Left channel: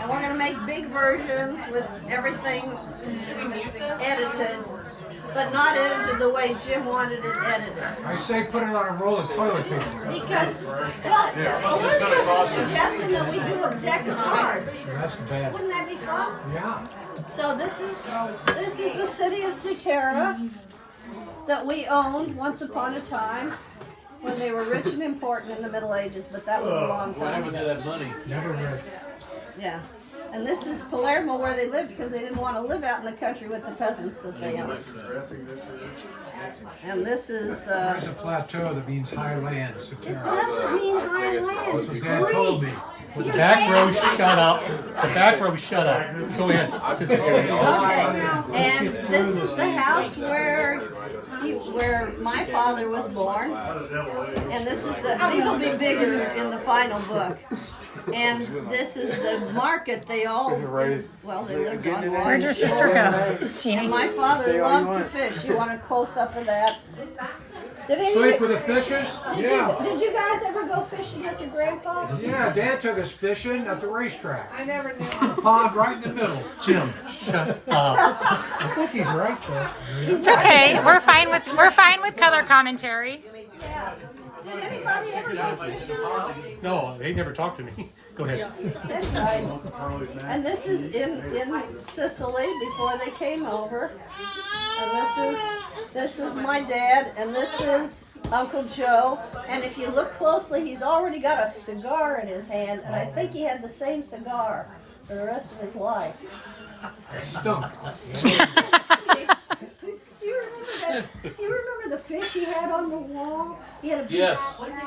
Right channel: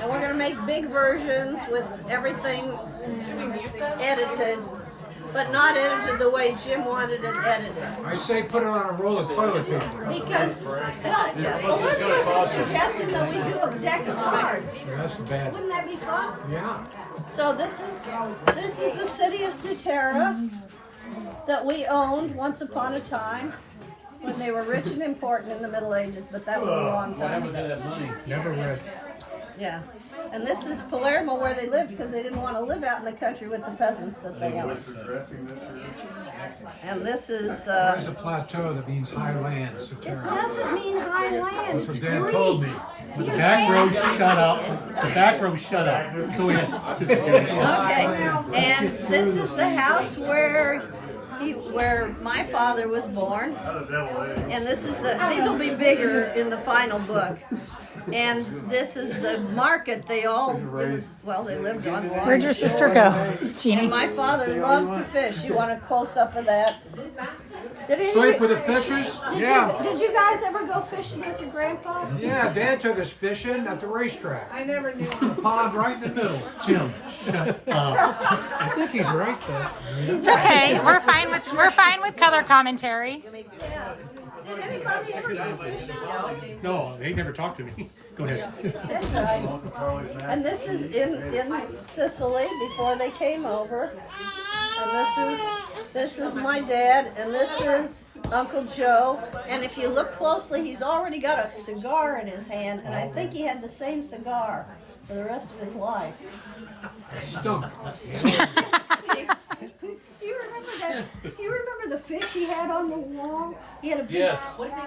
And we're going to make big versions with everything edited, but not edited the way Jim wanted it edited. I say put it on a roll of toilet paper. Because Elizabeth was suggesting that we do a deck of cards. That's bad. Wouldn't that be fun? Yeah. So this is the city of Sutera that we owned once upon a time when they were rich and important in the Middle Ages, but that was a long time ago. Never read. Yeah. And this is Palermo where they lived because they didn't want to live out in the country with the peasants that they owned. And this is... There's a plateau that means high land, it Sutera. doesn't mean high land. That's It's what Dad told me. Greek. The back row shut up. The back row shut up. Go ahead. Sister Judy. Okay. And this is the house where my father was born. And this is these will be bigger in the final book. And this is the market they lived on. Where'd your sister go? And my father loved to fish. You want a close-up of that? Sleep with the fishes? Did you guys ever go fishing with your grandpa? Yeah, Dad took us fishing at the racetrack. I never knew. The pond right in the middle. Jim, shut up. I think he's right though. It's okay. We're fine with color commentary. Yeah. Did anybody ever go fishing? No, they never talked to me. Go ahead. That's right. And this is in Sicily before they came over. And this is my dad, and this is Uncle Joe. And if you look closely, he's already got a cigar in his hand, and I think he had the same cigar for the rest of his life. Stunk. Do you remember the fish he had on the wall? He had a big, Yes.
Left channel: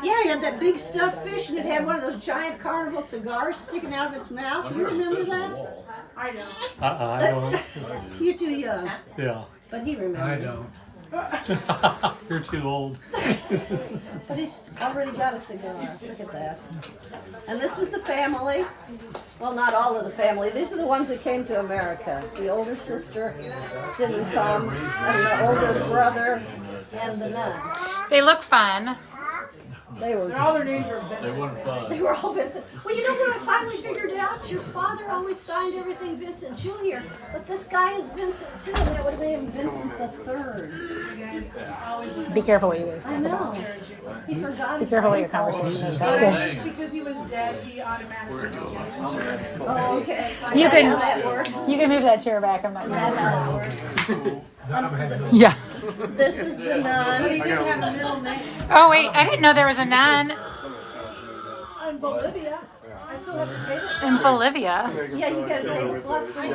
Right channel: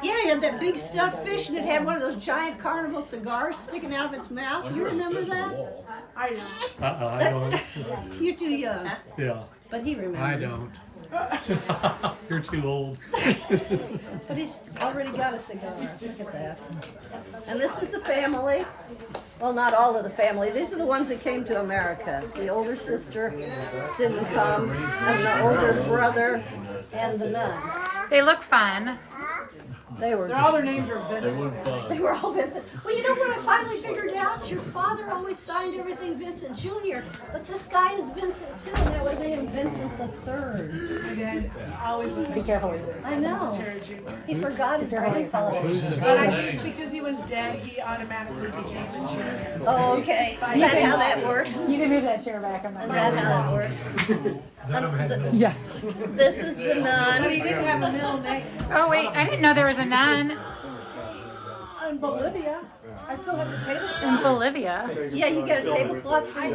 Yeah, he had that big stuffed fish, and it had one of those giant carnival cigars sticking out of its mouth. You remember that? I don't. I don't. You're too young. Yeah. But he remembers. I don't. You're too old. But he's already got a cigar. Look at that. And this is the family. Well, not all of the family. These are the ones that came to America. The older sister didn't come, and the older brother, and the nun. They look fun. All their names were Vincent. They were all Vincent. Well, you know what I finally figured out? Your father always signed everything Vincent Jr., but this guy is Vincent too, and that way they have Vincent the Third. Be careful what you use. I know. He forgot his grandfather. Because he was dead, he automatically became insurance. Oh, okay. Is that how that works? You can move that chair back. I'm Is that how it works? Yeah. This is the nun. But he didn't have a middle name. Oh wait, I didn't know there was a nun In Bolivia, I still have the tablecloth. in Bolivia. Yeah, you got a tablecloth for you.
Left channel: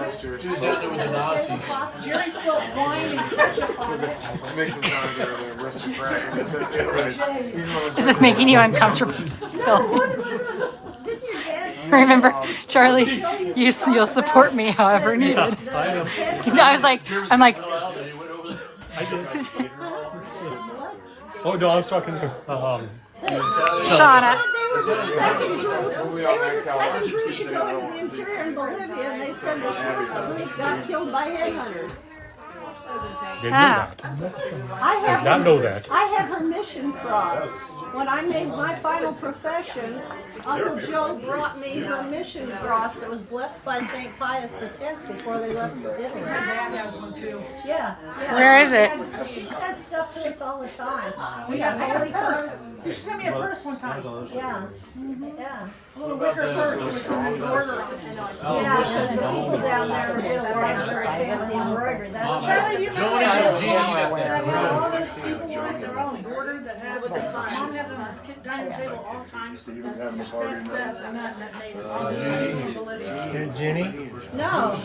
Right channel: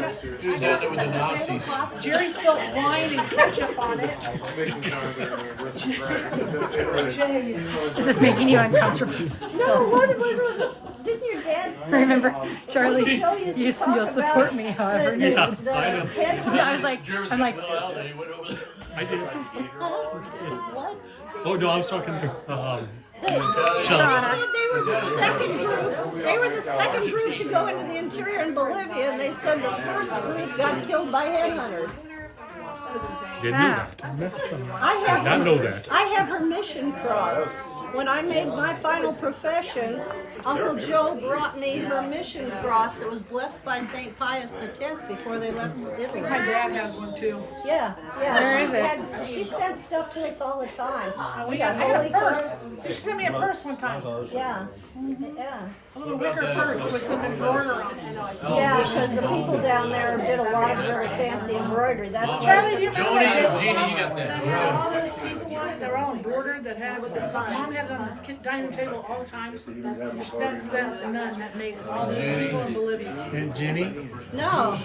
Tablecloth. Jerry spilled wine and ketchup on it. Jay. Is this making you uncomfortable? No, didn't your dad? Remember, Charlie, you'll support me however needed. I was like, I did. What? Oh no, I was talking to Shauna. They were the second group. They were the second group to go into the interior in Bolivia, and they said the first group got killed by headhunters. Didn't know that. I Did not know that. have her mission cross. When I made my final profession, Uncle Joe brought me her mission cross that was blessed by St. Pius X before they left Italy. My dad has one too. Yeah. Where is it? She said stuff to us all the time. We I got got holy a purse. cards. She sent me a purse one time. Yeah. Yeah. A little wicker purse with some embroidery on it. Yeah, because the people down there did a lot of really fancy embroidery. That's why. Charlie, do you remember that tablecloth that had all those people on it? They were all embroidered that had Mom had on the dining table all the time. That's the nun that made us. All those people in Bolivia. Jenny? No.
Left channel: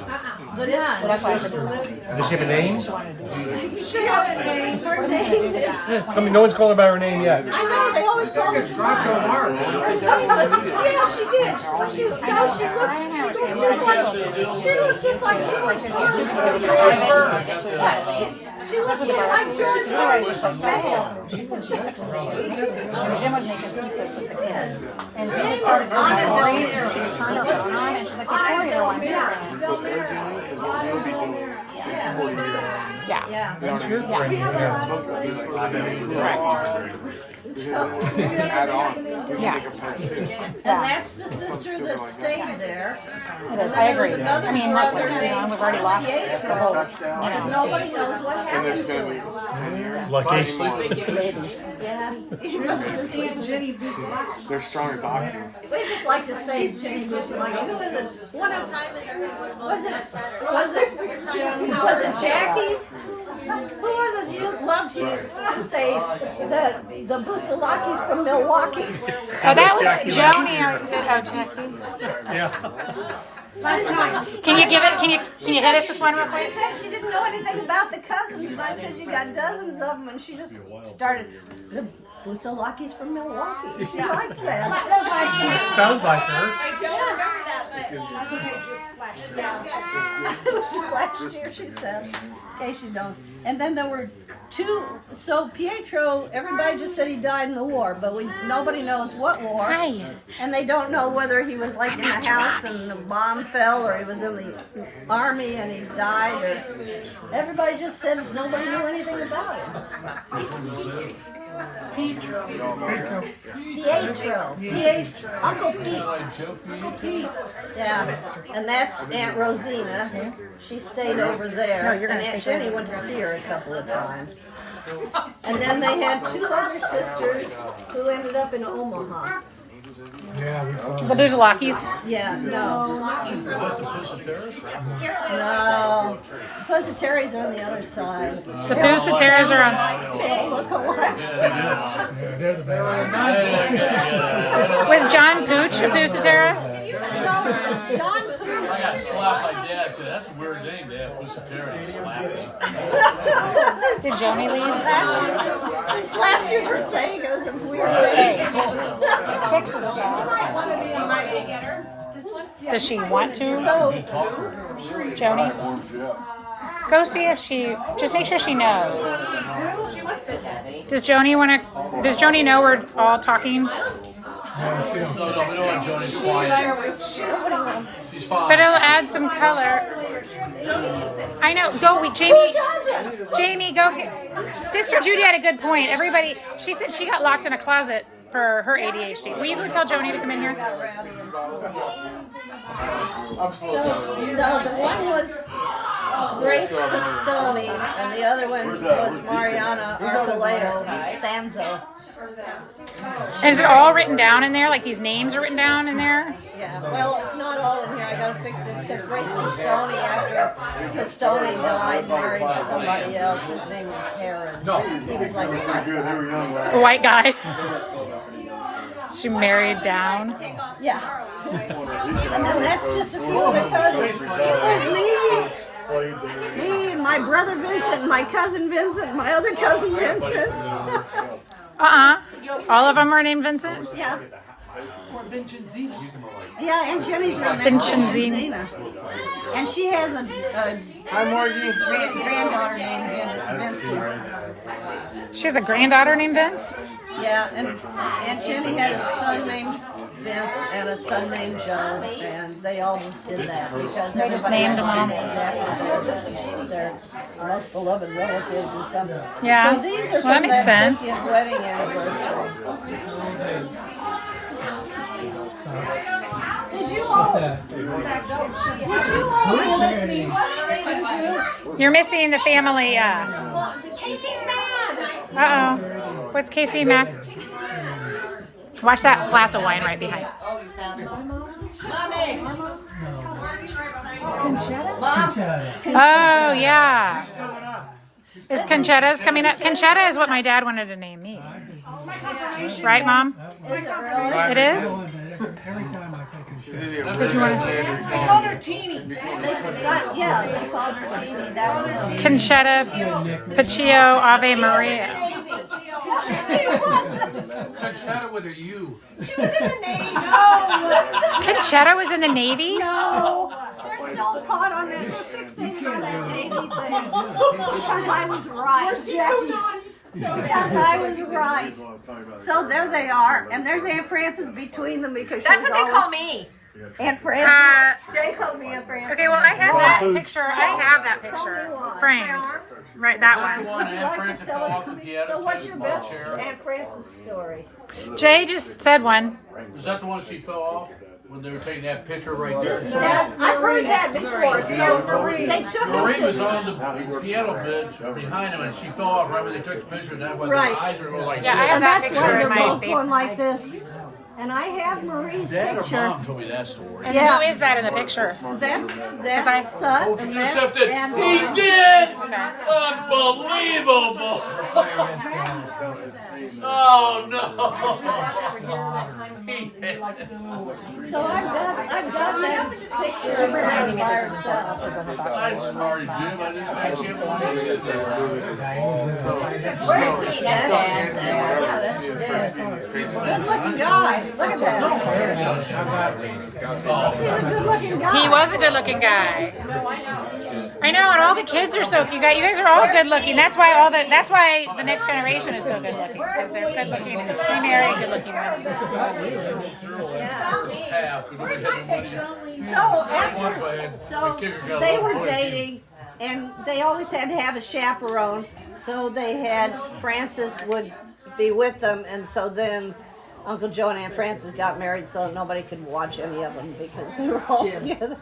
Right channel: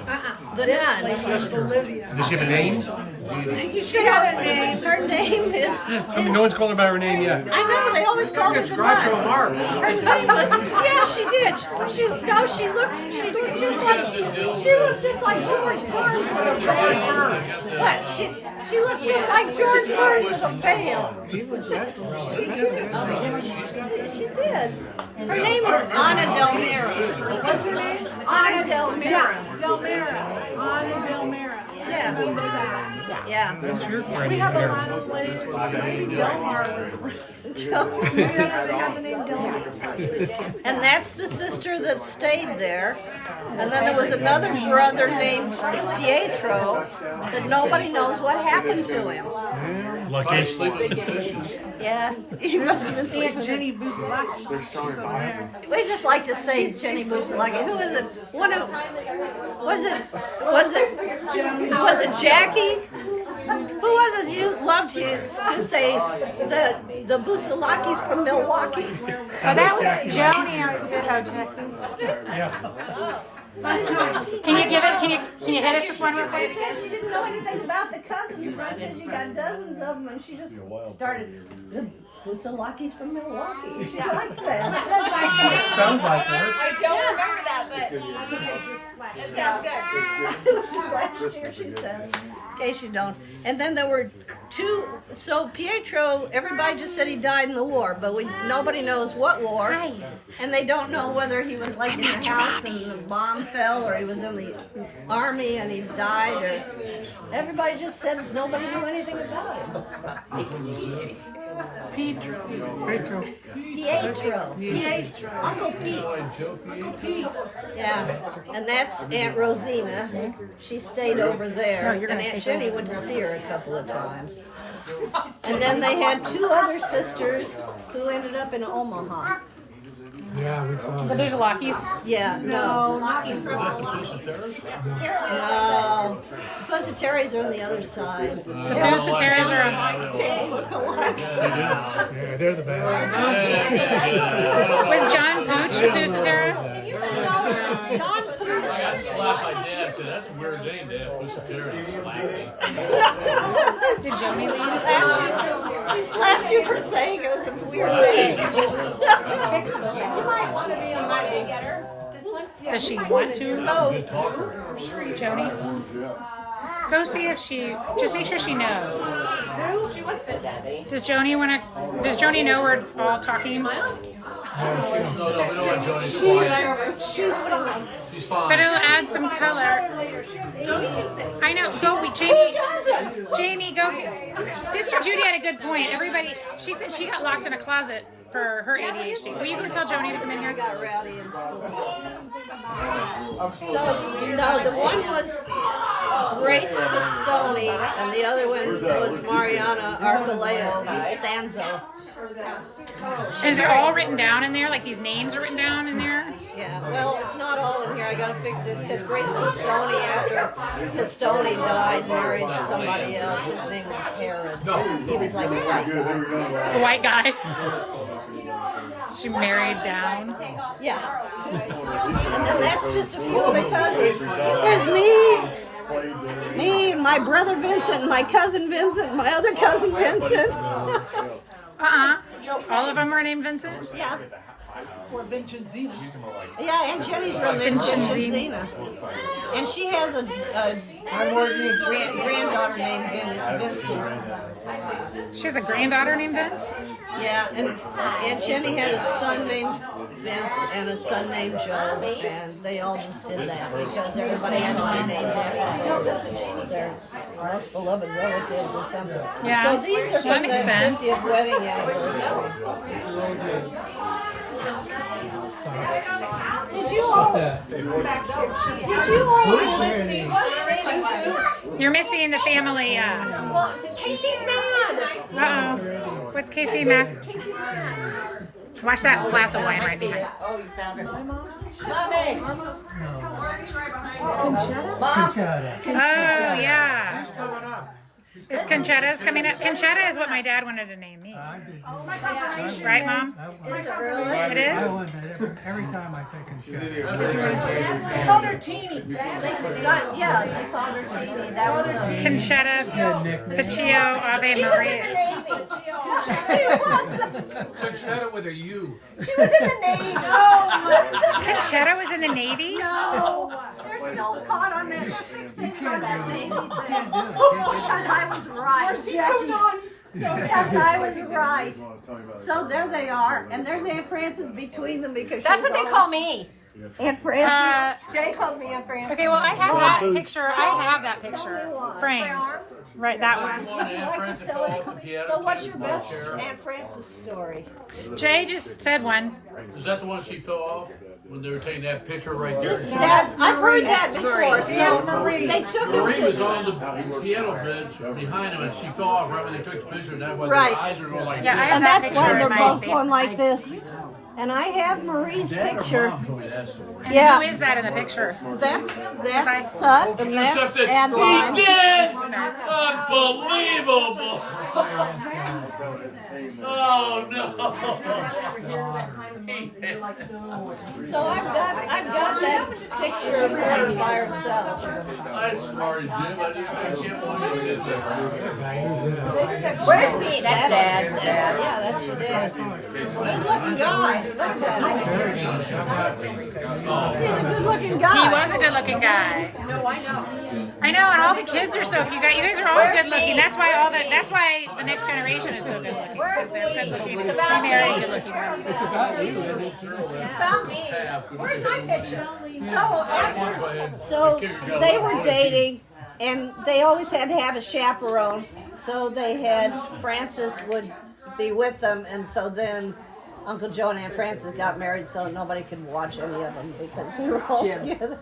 The nun. Bolivia. Does she have a name? She had a name. Her name is. No one's called her by her name yet. I know, they always call her the Groucho nun. Marx. Her name was, yeah, she did. She looked just like George Burns with a veil. What? She looked just like George Burns with a veil. She did. Her name is Ana Del Mira. What's her name? Ana Del Mira. Del Mira. Ana Del Mira. Yeah. Yeah. Yeah. Yeah. That's your friend. We have a lot of ways. Yeah. And that's the sister that stayed there. And then there was another brother named Pietro that nobody knows what happened to him. Lucky. Yeah, he must have been sleeping. Jenny Busalaki. They're strong as oxes. We just like to say Jenny Busalaki. Who was it? Was it Jackie? Who was it? You loved to say the Busalakis from Milwaukee. Oh, that was Joni. I was doing. Oh, Jackie. Can you give it? Can you hit us with one real I quick? said she didn't know anything about the cousins, and I said you got dozens of them, and she just started the Busalakis from Milwaukee. She liked that. Sounds like her. I don't remember that, but it sounds good. Just like here she says. In case you don't. And then there were two. So Pietro, everybody just said he died in the war, but nobody knows what war, and they don't know whether he was like in the house and the bomb fell, or he was in the army and he died, or everybody just said nobody knew anything about him. Pietro. Pietro. Uncle Pete. Yeah, and that's Aunt Rosina. She stayed over there. No, you're gonna and Aunt take Jenny over. went to see her a couple of times. And then they had two other sisters who ended up in Omaha. Yeah, we saw The that. Busalakis. Yeah, no. No. Pussyterries are on the other side. The Busateras are on. They look alike. Yeah, they're the bad ones. Was John Pooch a Busatera? I got slapped by Dad. Said that's a weird name, Dad. Sutera slapped me. Did Joni? He slapped you for saying it was a weird name. 6 is about. Does she want to? So, Joni? Go see if she. Just make sure she knows. Does Joni want to? Does Joni know we're all talking? No, we don't want Johnny's fine. She's fine. But it'll add some color. I know. Go, Jamie. Jamie, go. Sister Judy had a good point. Everybody. She said she got locked in a closet for her ADHD. Will you go tell Joni to come in here? got rowdy in school. So, no, the one was Grace Pistoni, and the other one was Mariana Archuleta Sanzo. And is it all written down in there? Like these names are written down in there? Yeah, well, it's not all in here. I gotta fix this because Grace Pistoni, after Pistoni died, married somebody else. His name was Herod. No. He was like a white guy. A white guy. She married down. Yeah. And then that's just a few of the cousins. There's me, and my brother Vincent, and my cousin Vincent, and my other cousin Vincent. All of them are named Vincent? Yeah. Or Vincentina. Yeah, and Jenny's real name is Vincenzina. Vincenzina. And she has a granddaughter named Vincent. She has a granddaughter named Vince? Yeah, and Aunt Jenny had a son named Vince and a son named Joe, and they all just did that because everybody named has to them be all. named after their most beloved relatives or something. Yeah. So these are Well, that from makes that sense. 50th wedding anniversary. Did you all back here? Did you all listen? You're missing the family. Casey's mad. Uh-oh. What's Casey Mac? Watch that glass of wine right behind. Oh, yeah. Is Conchetta's coming up? Conchetta is what my dad wanted to name me. Right, Mom? It is? Every time I say Conchetta. They called her Teeny. They called her Teeny. That was the Conchetta Paccio Ave Maria. Conchetta with a U. She was in the Navy. Conchetta was in the Navy? No, they're still caught on that. They're fixated on that Navy thing. Because I was right. Because I was right. So there they are, and there's Aunt Frances between them because That's what they call me. Aunt Frances. Jay calls me Aunt Frances. Okay, well, I have that picture. I have that picture framed. Right, that one. Would you like to tell us? So, what's your best Aunt Frances story? Jay just said one. Is that the one she fell off when they were taking that picture right there? I've heard that before. So they took Marie him was to. on the piano bed behind him, and she fell off right when they took the picture. And that's why Right. their eyes are going like Yeah, I this. have And that that's picture why in they're my both basement. going like this. And I have Marie's Dad or picture. Mom told me that story. And Yeah. who is that in the picture? That's Sut and that's Except that Adeline. he did! Unbelievable! Oh no! So I've got that picture of her by herself. I'm sorry, Jim. I can't believe this. Where's me? That's Dad. Yeah, that's your dad. Good looking guy. Look at that. He's a good looking guy. He was a good-looking guy. I know, and all the kids are so. You guys are all good-looking. That's why the next generation is so good-looking because they're good-looking. They marry good-looking men. Where's my picture? So they were dating, and they always had to have a chaperone. So they had Frances would be with them, and so then Uncle Joe and Aunt Frances got married, so nobody could watch any of them because they were all together.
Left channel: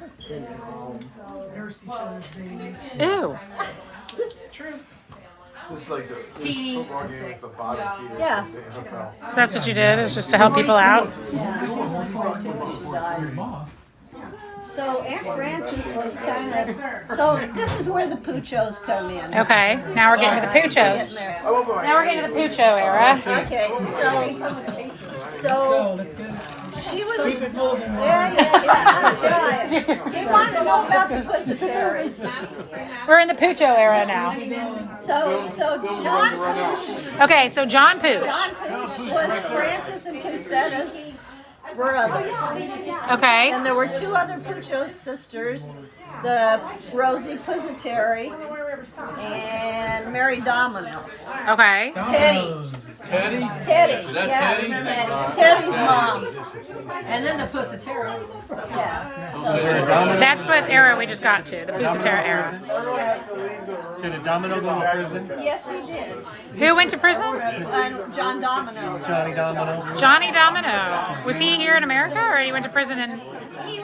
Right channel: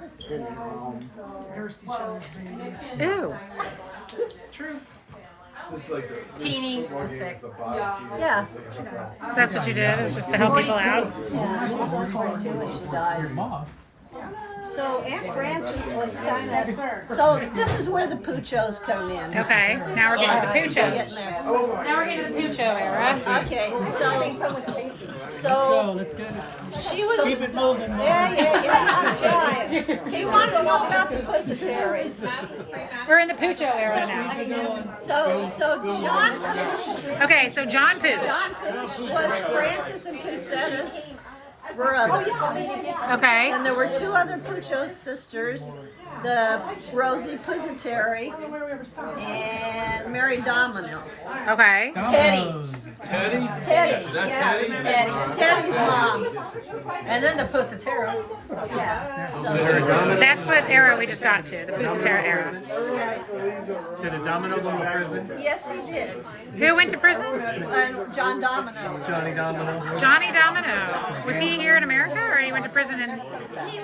Ooh. Teeny was sick. Yeah. So that's what you did, is just to help people out? Your mom. So Aunt Frances was kind of. So this is where the Puchos come in. Okay, now we're getting to the Puchos. Now we're getting to the Pucho era. Okay, so Let's get it. she was. Keep it moving. Yeah, I'm trying. He wanted to know about the Pussyterries. We're in the Pucho era now. So John Pooch Okay, so John Pooch. was Frances and Concetta's brother. Okay. And there were two other Pucho sisters, the Rosie Pussyterry and Mary Domino. Okay. Teddy, Is that yeah, Teddy? Teddy's mom. And then the Pussyterra. Yeah. That's what era we just got to, the Pusatera era. Did a Domino go to prison? Yes, he did. Who went to prison? And John Domino. Johnny Domino. Johnny Domino. Was he here in America, or he went to prison in? He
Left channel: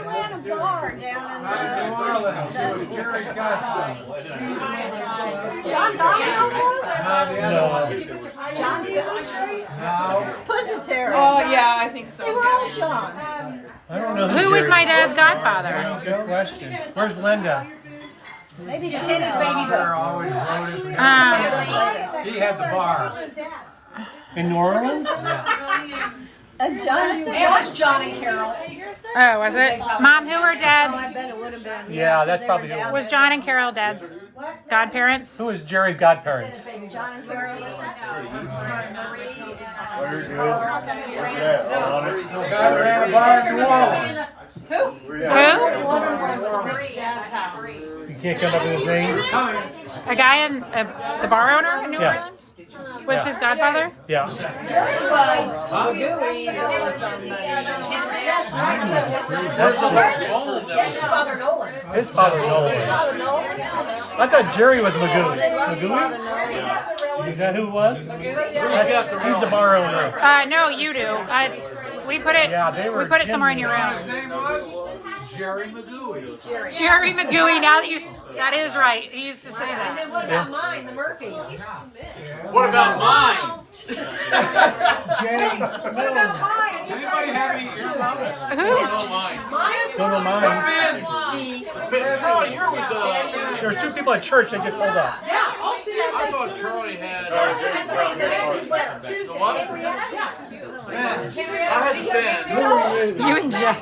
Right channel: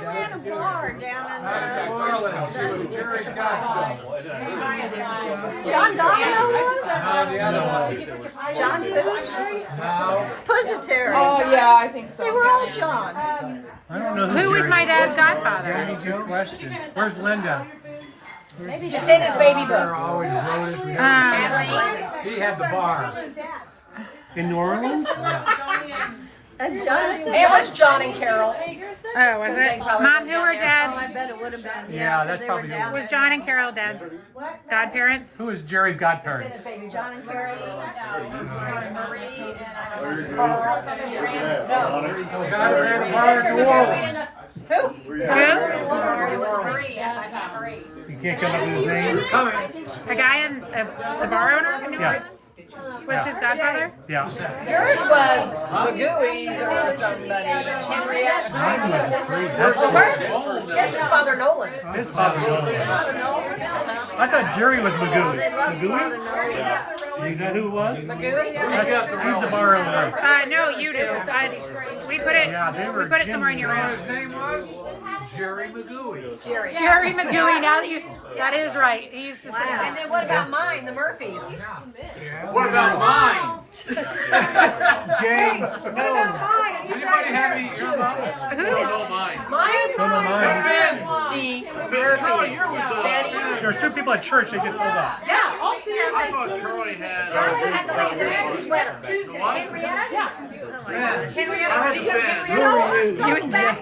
ran a bar down in Jerry's got John Domino was? the other one. John Pooch? No. Pussyterry. Yeah, I think so. They were all John. I don't know. Who was my dad's godfather? Good question. Where's Linda? Maybe It's in his baby book. Always wrote it. He had the bar. In New Orleans? John. It was John and Carol. Oh, was it? Mom, who are dad's? I bet it would have been. Yeah, 'cause that's they were probably down Was there. John and Carol dad's godparents? Who is Jerry's godparents? John and Carol. Got her at a bar in New Orleans. Who? You can't come up with his name? A guy in the bar owner in New Yeah. Orleans? Was his godfather? Yeah. Yours was Gooey's or somebody. Henriette. Yes, his father Nolan. His father was. I thought Jerry was Magooey. Magooey? You know who it was? He's the bar owner. No, you do. We put it. Yeah, they were We put it somewhere in your room. His name was Jerry McGooey. Jerry McGooey. Now that is right. He used to say And that. then what about mine, the Murphys? What about mine? Jay. Does anybody have any earmuffs? Who's? Mine. Don't know mine. Charlie, here was There were two people at church that get pulled up. I thought Charlie had. Charlie had the lady, the red sweater. The what? Henrietta? Henrietta, did you have You and Jeff.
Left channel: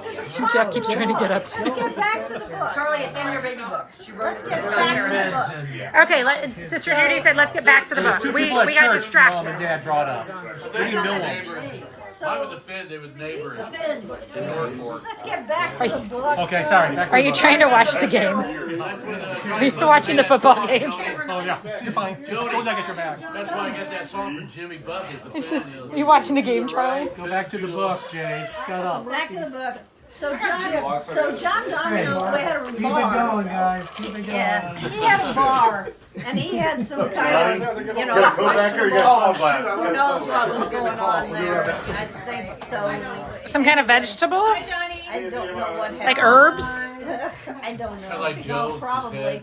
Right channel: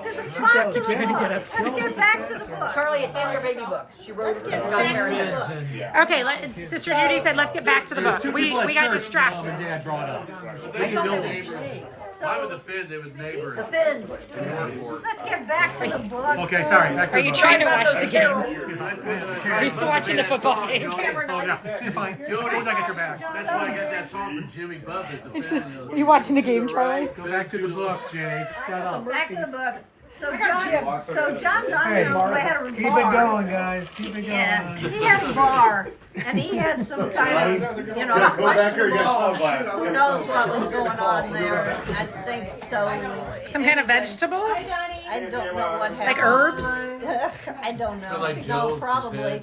Jeff keeps trying to get up. Let's get back to the book. Charlie, it's in your baby book. She wrote Let's it. get back to the book. Okay, Sister Judy said, let's get back to the book. We got distracted. Dad brought up. They knew neighbors. Mine was the Finn, they was neighbors. The fins. In Northport. Let's get back to the book. Okay, sorry. Back to Are the you book. trying to watch the game? Are you watching the football game? Oh, yeah. You're fine. As soon as I get your bag. That's why I got that song from Jimmy Buffett, the Finn. Are you watching the game, Charlie? Go back to the book, Jay. Shut up. Back to the book. So John Donnie had a bar. Keep it going, guys. Keep it going. Yeah, he had a bar, and he had some kind of, questionable, who knows what was going on there. I think so. Some kind of vegetable? I don't know what happened. Like herbs? I don't know. Like No, Joe, probably.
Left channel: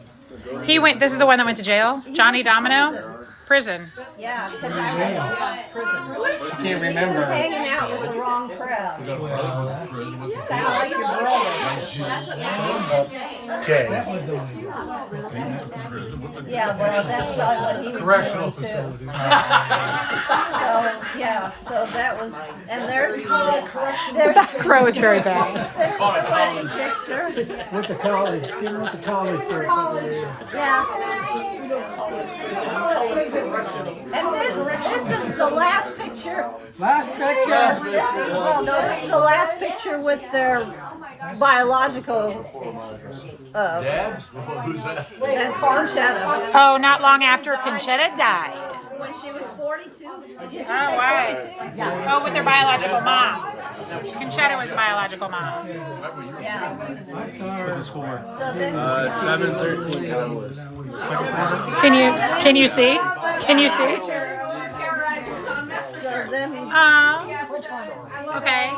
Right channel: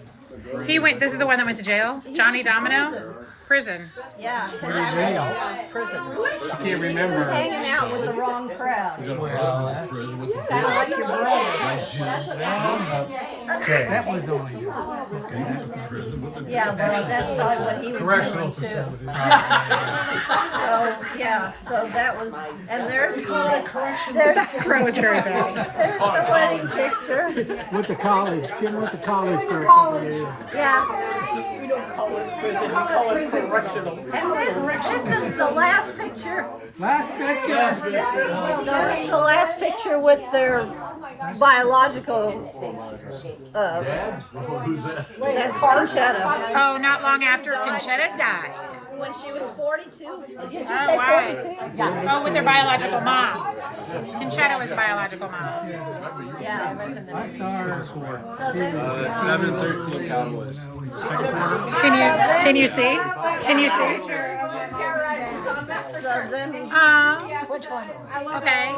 This is the one that went to jail? Johnny Domino? Prison. Yeah, because I Can't he was remember. hanging out with the wrong crowd. You got a friend with Kind of like your brother. That was only good. Yeah, well, that's probably what he was Correctional doing too. facility. So that was, and there's That crow is very bad. there's the wedding picture. Went to college. Kim went to college for a couple of years. Yeah. And this is the last picture. Last picture. Well, no, this is the last picture with their biological. Dad? Who's that? That's Conchetta. Oh, not long after Conchetta died. When she was 42. Did you Oh, say right. 42? Oh, with their biological mom. Conchetta was biological mom. Yeah. I saw her. So then, 713 Catalyst. Can you see? Can you see? so then, Okay.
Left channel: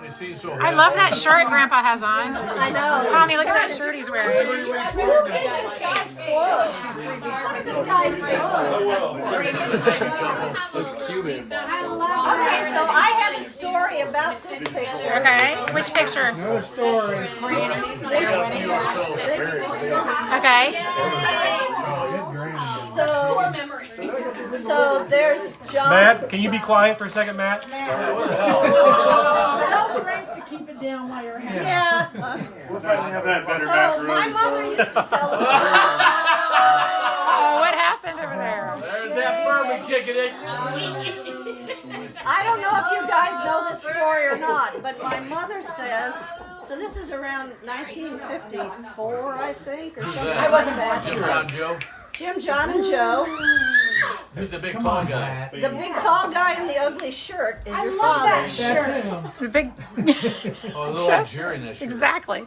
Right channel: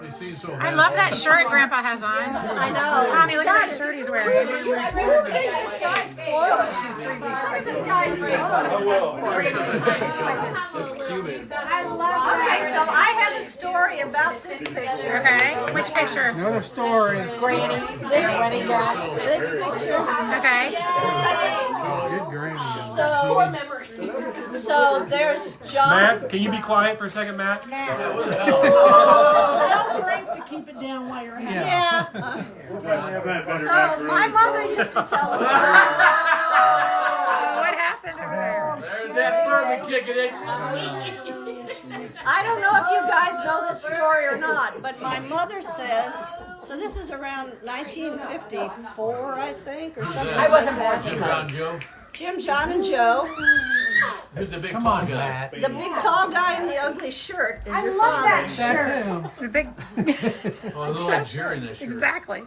They seem so I love that shirt Grandpa has on. I know. Tommy, look at that shirt he's wearing. Who picked this guy's clothes? Look at this guy's clothes. Looks Cuban. I love that. Okay, so I have a story about this picture. Okay. Which picture? Another story. This picture. Okay. Good granny. So there's John. Matt, can you be quiet for a second, Matt? Tell Frank to keep it down while you're at it. Yeah. So my mother used to tell us. Oh, what happened over there? There's that bourbon kicking it. I don't know if you guys know this story or not, but my mother says. So this is around 1954, I think, or something like that. Jim, John, Joe. Jim, John, and Joe. Who's the big Come tall on, guy? Matt. The big tall guy in the ugly shirt is your love father. that That's shirt. him. The big. Oh, it looks like Jerry in that shirt. Exactly.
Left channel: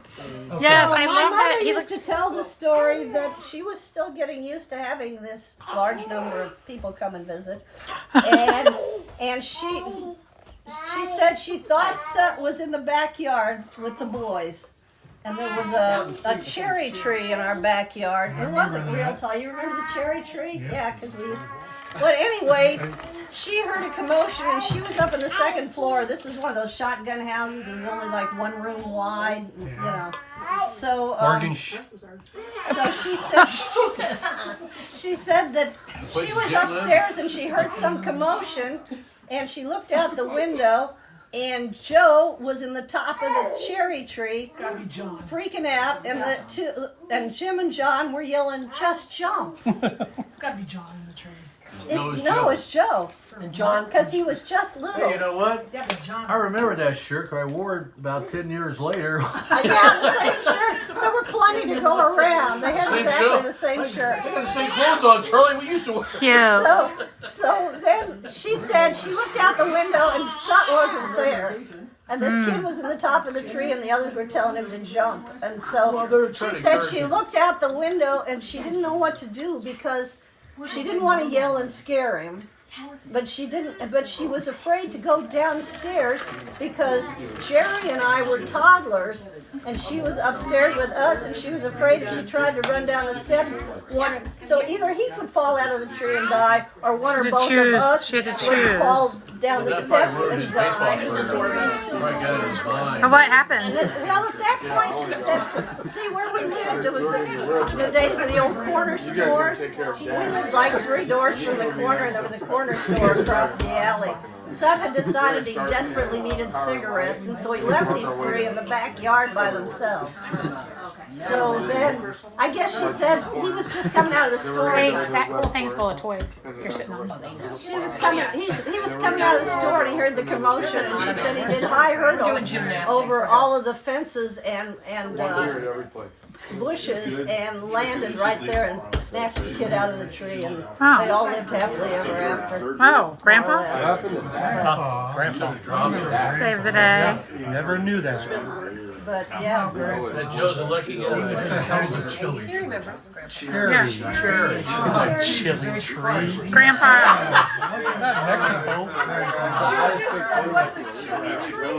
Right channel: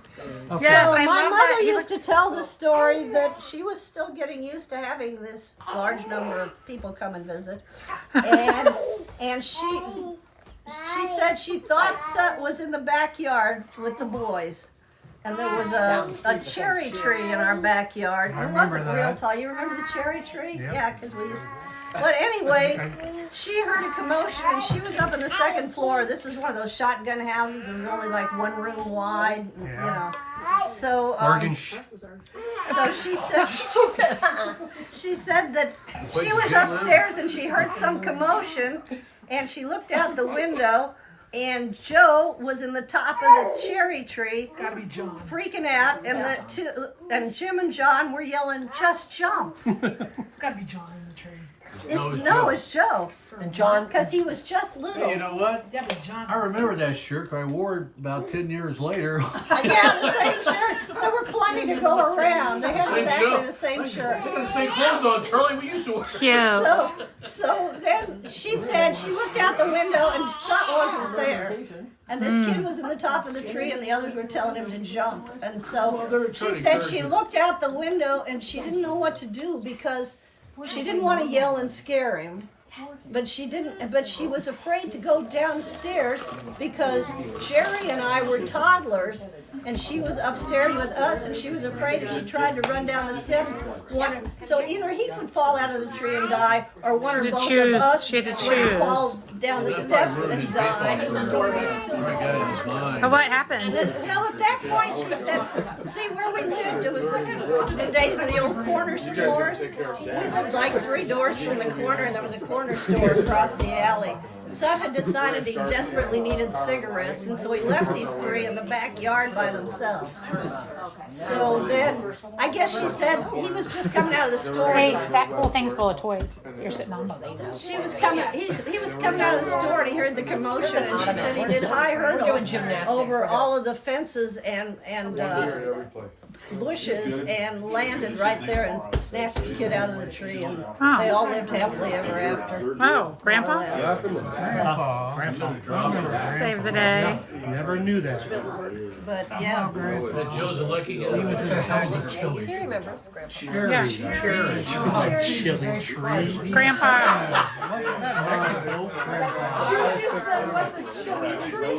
Yes, So I my love mother that. He used looks. to tell the story that she was still getting used to having this large number of people come and visit, and she said she thought Sut was in the backyard with the boys. And there was a cherry tree in our backyard. It wasn't real tall. You remember the cherry tree? Yeah, because we used. But anyway, she heard a commotion and she was up on the second floor. This was one of those shotgun houses. It was only like one room wide, you know. So, so she said that she was upstairs and she heard some commotion, and she looked out the window. And Joe was in the top of the cherry tree, Gotta be John. freaking out, and Jim and John were yelling, "Just jump!" It's gotta be John in the tree. It's Joe. And John, Because he was just little. you know what? Gotta be John. I remember that shirt 'cause I wore it about 10 years later. Yeah, the same shirt. There were plenty to go around. They had exactly the same shirt. They got the same clothes on, Charlie. We used to wear. Cute. So then she said she looked out the window and Sut wasn't there. And this kid was in the top of the tree and the others were telling him to jump. And so she said she looked out the window and she didn't know what to do because she didn't want to yell and scare him. But she was afraid to go downstairs because Jerry and I were toddlers and she was upstairs with us and she was afraid if she tried to run down the steps, so either he could fall out of the tree and die or one or both of us She had to would choose. fall down the steps and die. Right, got it in his mind. But what happened? Well, at that point, she said, see, where we lived, it was the days of the old corner stores. We lived like 3 doors from the corner, and there was a corner store across the alley. Sut had decided he desperately needed cigarettes, and so he left these 3 in the backyard by themselves. So then, I guess she said he was just coming out of the store. Hey, that whole thing's full of toys you're sitting on. She was coming. He was coming out of the store and he heard the commotion, and she said he did hi hurdles over all of the fences and bushes and landed right there and snatched the kid out of the tree, and they all lived happily ever after. Oh, Grandpa? Save the day. Never knew that. But yeah. Joe's a lucky guy. Chili. Yeah. Grandpa. Mexico. You just said, what's a chili tree?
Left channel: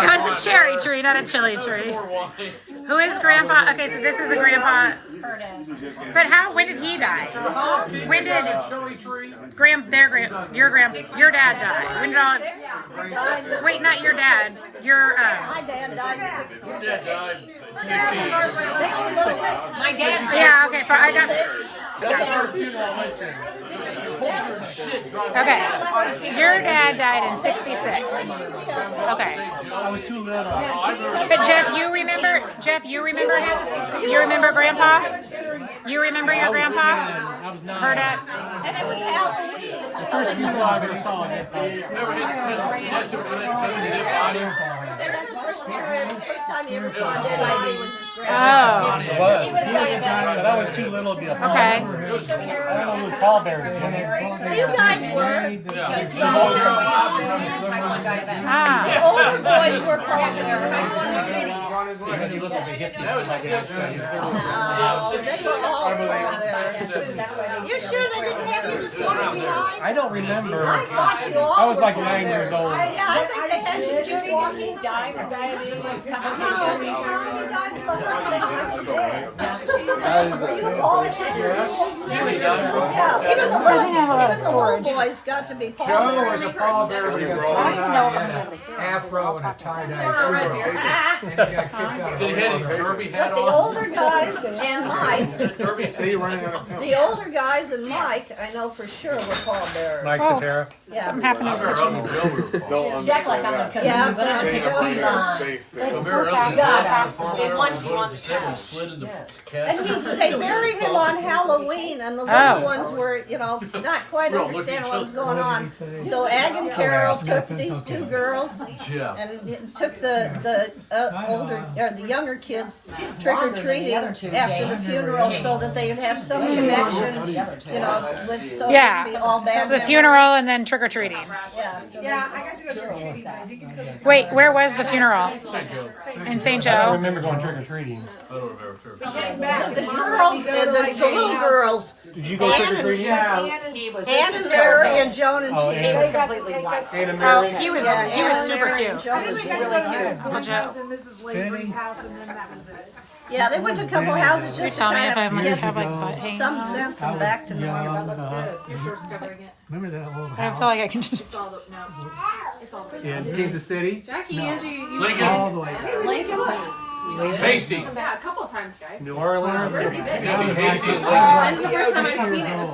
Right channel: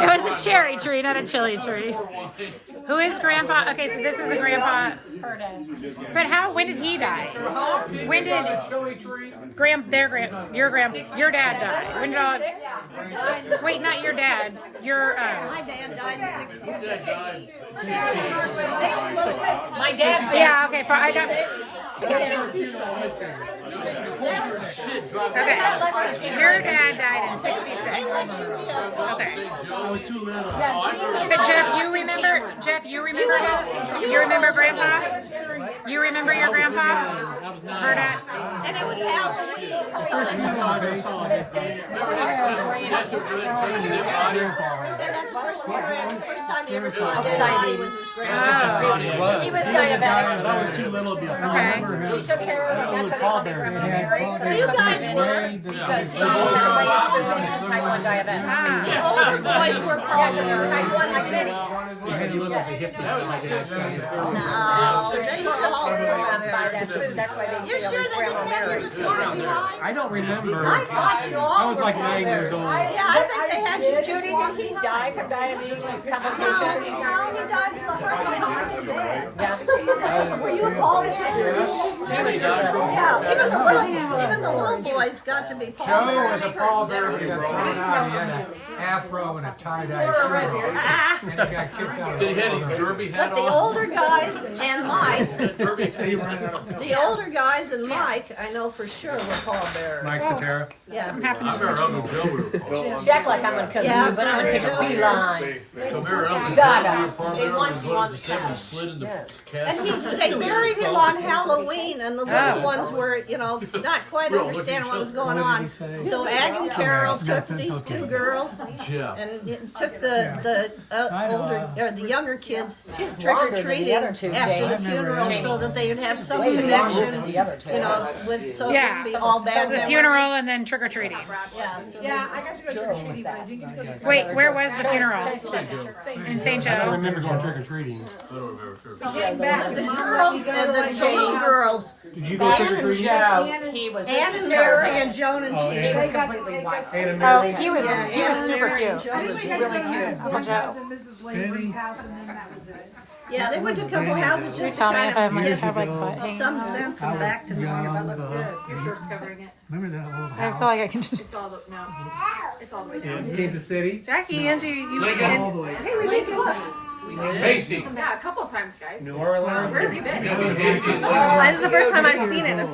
It was a cherry tree, not a chili tree. Who is Grandpa? Okay, so this was a Grandpa. But when did he die? When did your dad die? When did all? Wait, not your dad. Your My dad died in '66. My dad. yeah. Okay, I got. Okay. Your dad died in '66. Okay. I was too little. But Jeff, you remember him? You remember Grandpa? You remember your grandpa? Her dad? And it was Halloween. First reason I ever saw it. So that's the first time he ever saw a dead body was his grandpa. Oh. He was kind of bad. But I was too little to be a Okay. I don't know pallbearers. They The older boys were pallbearers. had little vehicles like an outside. No, they were all pallbearers. You sure they didn't have you just walking behind? I don't remember. I thought you all I was like were 9 years old. Yeah, I think they had you just walking. died from diabetes No, complications. he died behind his dad. Were you a pallbearer? Yeah, even the little boys got to be Joe pallbearers. was a pallbearer, but he got thrown out. He had an afro and a tie-dye suit on. And he got kicked out of the Derby But hat the on. older guys and Mike, Derby hat. the older guys and Mike, I know for sure were pallbearers. Mike Sutera. Yeah. Something happened over Uncle Joe would have called. Jack like I'm gonna Yeah, but I'm gonna take a Joe beeline. Come here, Uncle Joe. Slid in the And casket. they buried him on Halloween, and the little ones were, not quite understanding what was going on. So Ag and Carol took these two girls Yeah. and took the younger kids trick or treating after the funeral, so that they would have some connection, so it Yeah. wouldn't be all bad. So the memories. funeral and then trick or treating. Yeah. So Yeah, I got to go trick or treating, but I didn't get to go. Wait, where was the funeral? In St. I Joe. remember going trick or treating. the girls, the little girls, Did you go trick or treating? He was Ann and Mary and Joan and Oh, Judy. Ann. completely white. Oh, he was super cute. Uncle Joe. Yeah, they went to a couple houses just You tell me if I might get have like butt hanging some out. sense and back to normal. Remember that old I feel like I can just. in Kansas City? Jackie, Angie, you All the way. Hasty. yeah, a couple times, guys. New Orleans. Where have you been? Hasty. This is the first time I've seen it.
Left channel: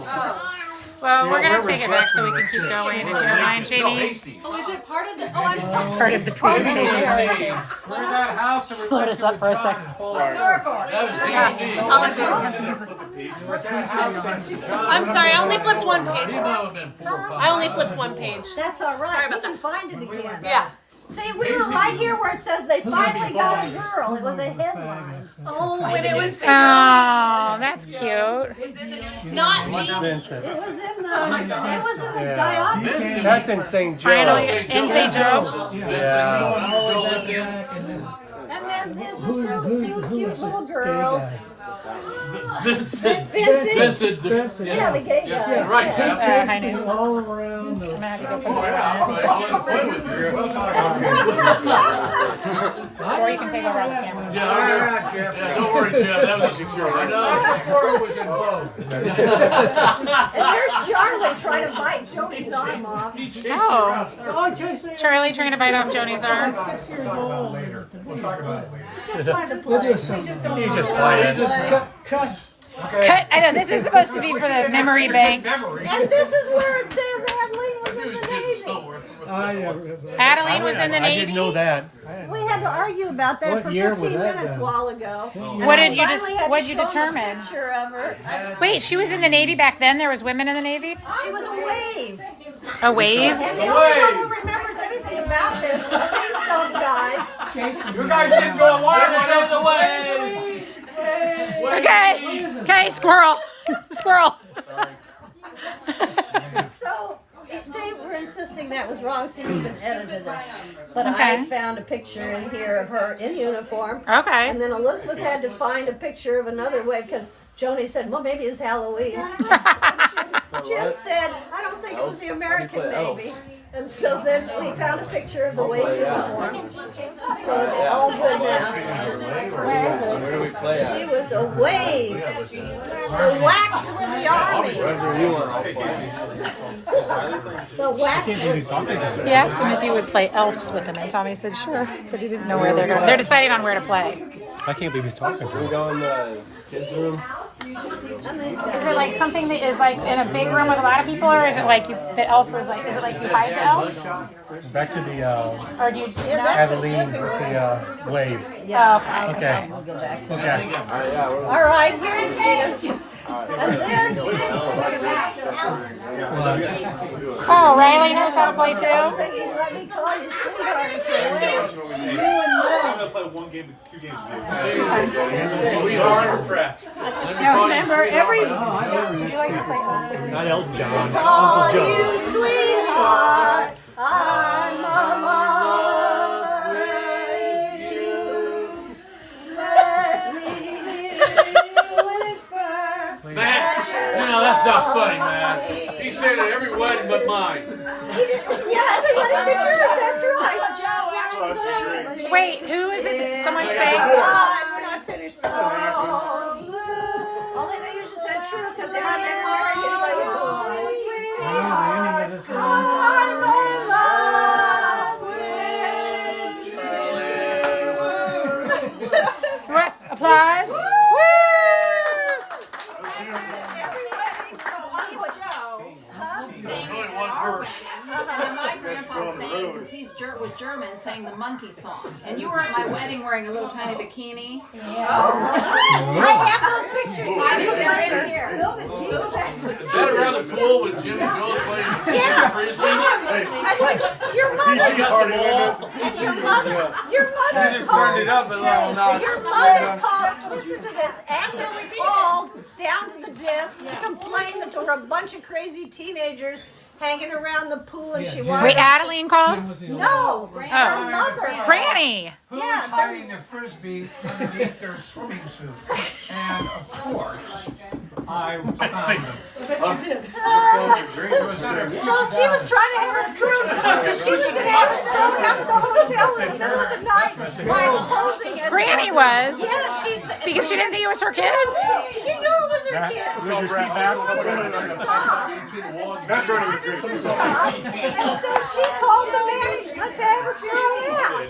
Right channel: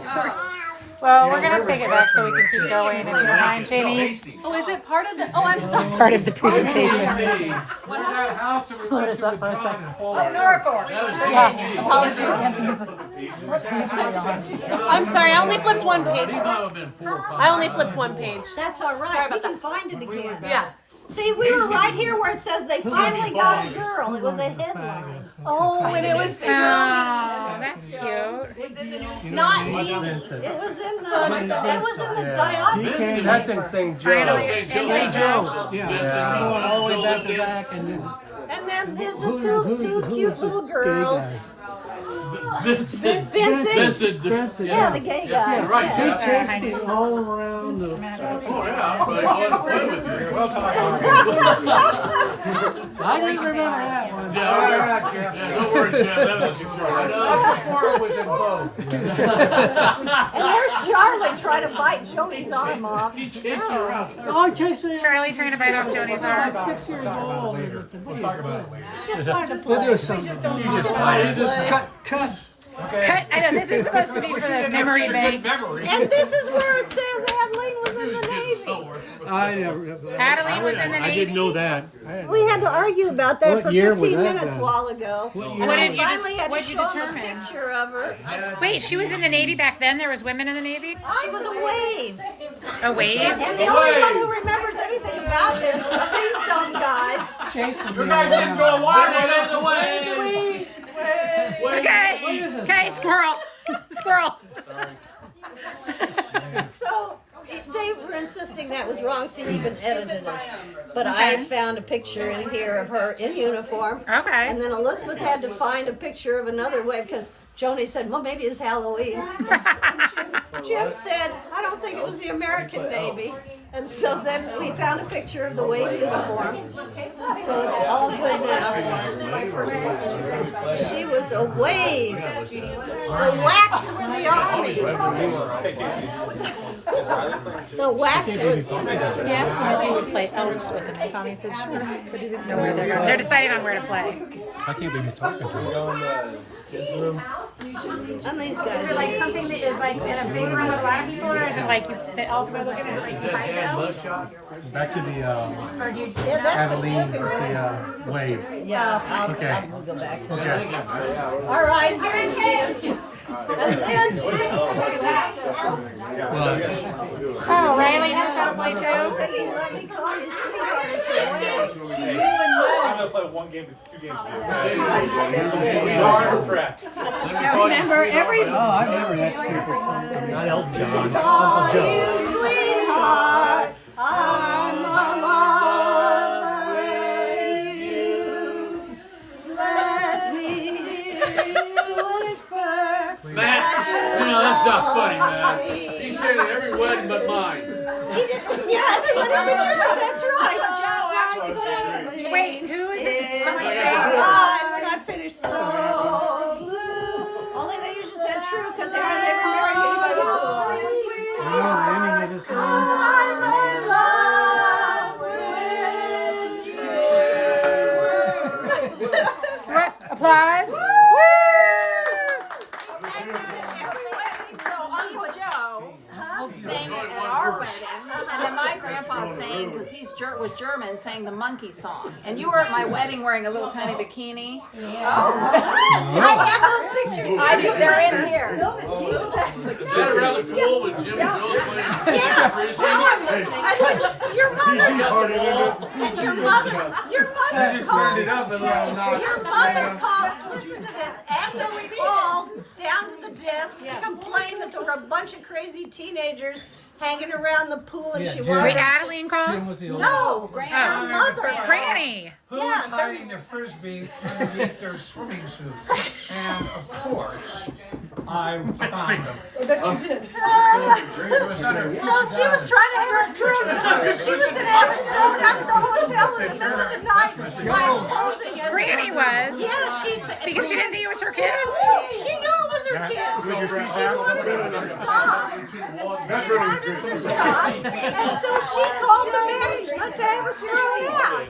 Well, we're gonna take it back so we can keep going. If you don't mind, Jamie. Hasty. Oh, is it part of the? Oh, I'm sorry. Part of the presentation. Slowed us up for a second. That was Hasty. I'm sorry. I only flipped one page. It might have been 4 or 5. I only flipped one page. That's all right. We can find it again. Yeah. See, we were right here where it says they finally got a girl. It was a headline. Oh, and it was Oh, that's cute. not Jeannie. It was in the diocese. That's in St. Joe. Finally, in St. Joe. And then there's the two cute little girls. Vincent. Vincent. Vincent. Yeah, the gay guy. Yeah, right. Yeah. Yeah. I do all around the. Oh, yeah. I was playing with you. We'll talk about it. Or you can take it right. Yeah, don't worry, Jeff. That was a secure. I know. Before it was in vogue. And there's Charlie trying to bite Joni's arm off. He chased you around. Charlie trying to bite off Joni's arm. 6 years old. We'll talk about it later. Just wanted to play. You just played. Cut. Cut. I know this is supposed to be for the memory bank. And this is where it says Adeline was in the Navy. I never. Adeline was in the I didn't know Navy. that. We had to argue about that What for year was 15 that minutes a then? while ago. What did you What'd you determine? A picture of her. Wait, she was in the Navy back then. There was women in the Navy. She was a wave. A wave? And the only one who remembers anything about this are these dumb guys. You guys didn't go along with it. Okay. Okay, squirrel. Squirrel. So they were insisting that was wrong, so you even edited it. But I found a picture in here of her in uniform. Okay. And then Elizabeth had to find a picture of another wave because Joni said, well, maybe it's Halloween. Jim said, I don't think it was the American Navy. And so then we found a picture of the wave uniform. So it's all good now. She was a wave. The Whacks were the army. The Whacks were... He asked him if he would play elves with him, and Tommy said sure, but he didn't know where they're going. They're deciding on where to play. I can't believe he's talking to me. And these guys. Is it like something that is like in a big room with a lot of people, or is it like the elf was like? Is it like behind the elf? Back to the Or do you? Adeline, the wave. Yeah, Okay. we'll go back to Okay. that. All right, here's the... And this... Oh, Riley knows how to play too. Thinking, let me call you sweetheart at your wedding. Now remember, every... I remember that stupid song. Not Elton John. Call Uncle Joe. you sweetheart, I'm a lover you. Let me hear you whisper. Matt, you know, that's not funny, man. He said it every wedding but mine. He did, yeah, everybody but yours, that's right. Wait, who's it? Someone say. Right, we're not finished. So blue. Only they usually said true because they hardly ever married anybody with sweet. The ending of this song. I'm in love with you. What? Applause. Woo! And then my grandpa sang, because he was German, sang the monkey song. And you were at my wedding wearing a little tiny bikini. I have those pictures. I think they're in here. Is that around the pool with Jim and Joan playing frisbee? Your mother called, listen to this, Agnes called down to the desk to complain that there were a bunch of crazy teenagers hanging around the pool and she wanted... Wait, Adeline called? No, her mother. Granny. Who was hiding the frisbee underneath their swimming suit? And of course, I found them. I bet you did. So she was trying to have us thrown, she was going to have us thrown out of the hotel in the middle of the night by posing as... Granny was? Yeah, because she didn't think it was her kids? She knew it was her kids. She wanted us to stop. And so she called the management to have us thrown out.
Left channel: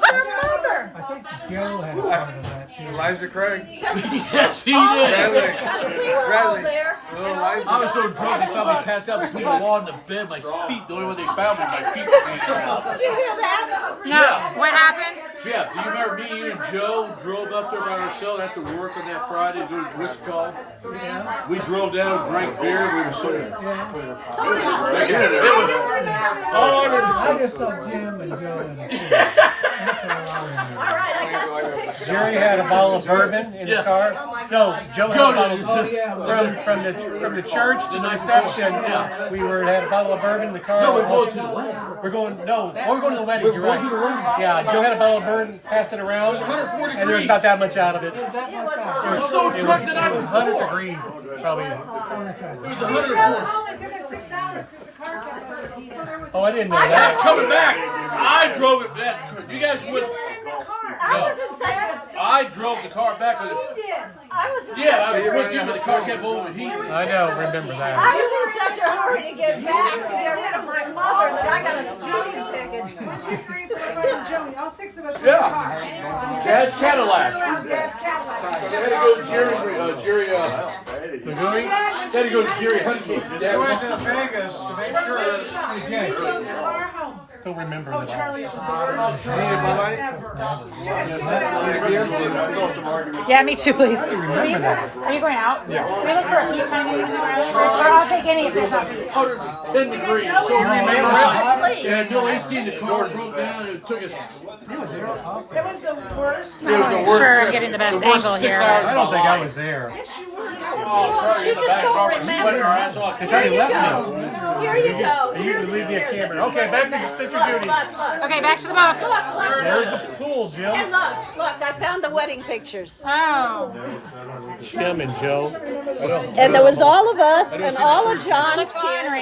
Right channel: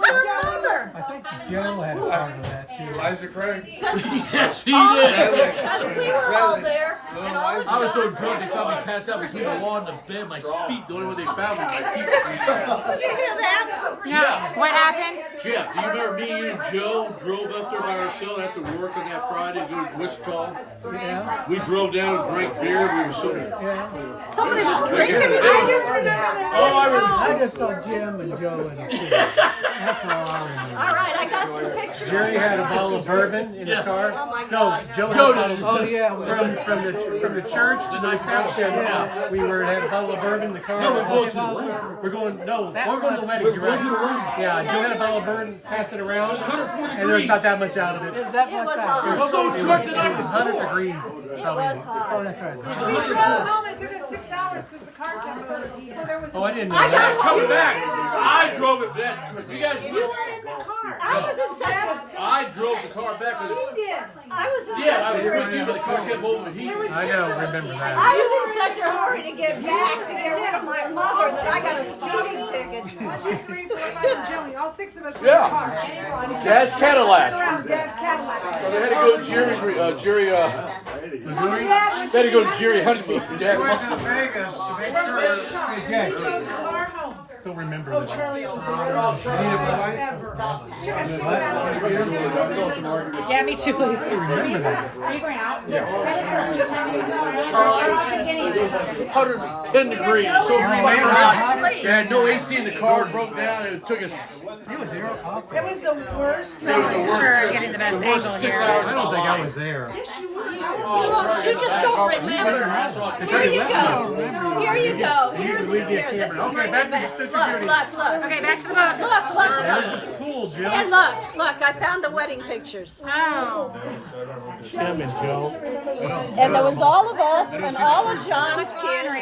Her mother. I think Joe had a part of that too. Liza Craig. Yes, he did. Because we were all there. And all the I was so drunk they found me passed out between the wall and the bed. My feet, the only way they found me, my feet were bleeding out. Did you hear that? No. What happened? Jeff, do you remember me, you and Joe drove up there by ourselves after work on that Friday to go to Wichita? Yeah. We drove down and drank beer. We were so... Somebody was drinking it. I just saw Jim and Joe in the pool. That's all I remember. All right, I got some pictures. Jerry had a bottle of bourbon in the car. Oh my No, God. Joe had a bottle of from the church to the reception. We had a bottle of bourbon in the car. No, we're going to the wedding. We're going to the wedding. You're right. Yeah, Joe had a bottle of bourbon, pass it around. 140 And there's not that much out of it. It was hot. We're so drunk that I It was was 100 poor. degrees. It was hot. We drove home. It took us 6 hours because the car kept overheating. So there was. Oh, I didn't know I got that. home. Coming back, I drove it back. You guys You went. were in the car. I was in such a... I drove the car back. He did. I was in Yeah, such I a was with you, but the car kept overheating. I know, remember that. I was in such a hurry to get back to get rid of my mother that I got a speeding ticket. 1, 2, 3, 4, 5, and Joey. All 6 of us were in the Yeah. car. Dad's Cadillac. Turn around, Dad's Cadillac. They had to go to Jerry. They had to go to Jerry Huntington. Dad, Went to Vegas to make sure. We drove the car home. Don't remember. Oh, Charlie, it was the worst ever. Yeah, me too, please. Are you going out? Yeah. They look for a beach time. Or I'll take any of it. 110 degrees. So we had no AC in the car. Broke down. It took us. It was the worst. It was the worst. Sure, getting the best angle 6 here. hours. I don't think I was there. Yes, you were. You just don't remember. Here you go. Here you go. Here. This is Okay, where back you're to Sister Judy. Look. Okay, back to the book. Look. Cool, Jim. And look, I found the wedding pictures. Oh. Jim and Joe. And there was all of us and all of John's kids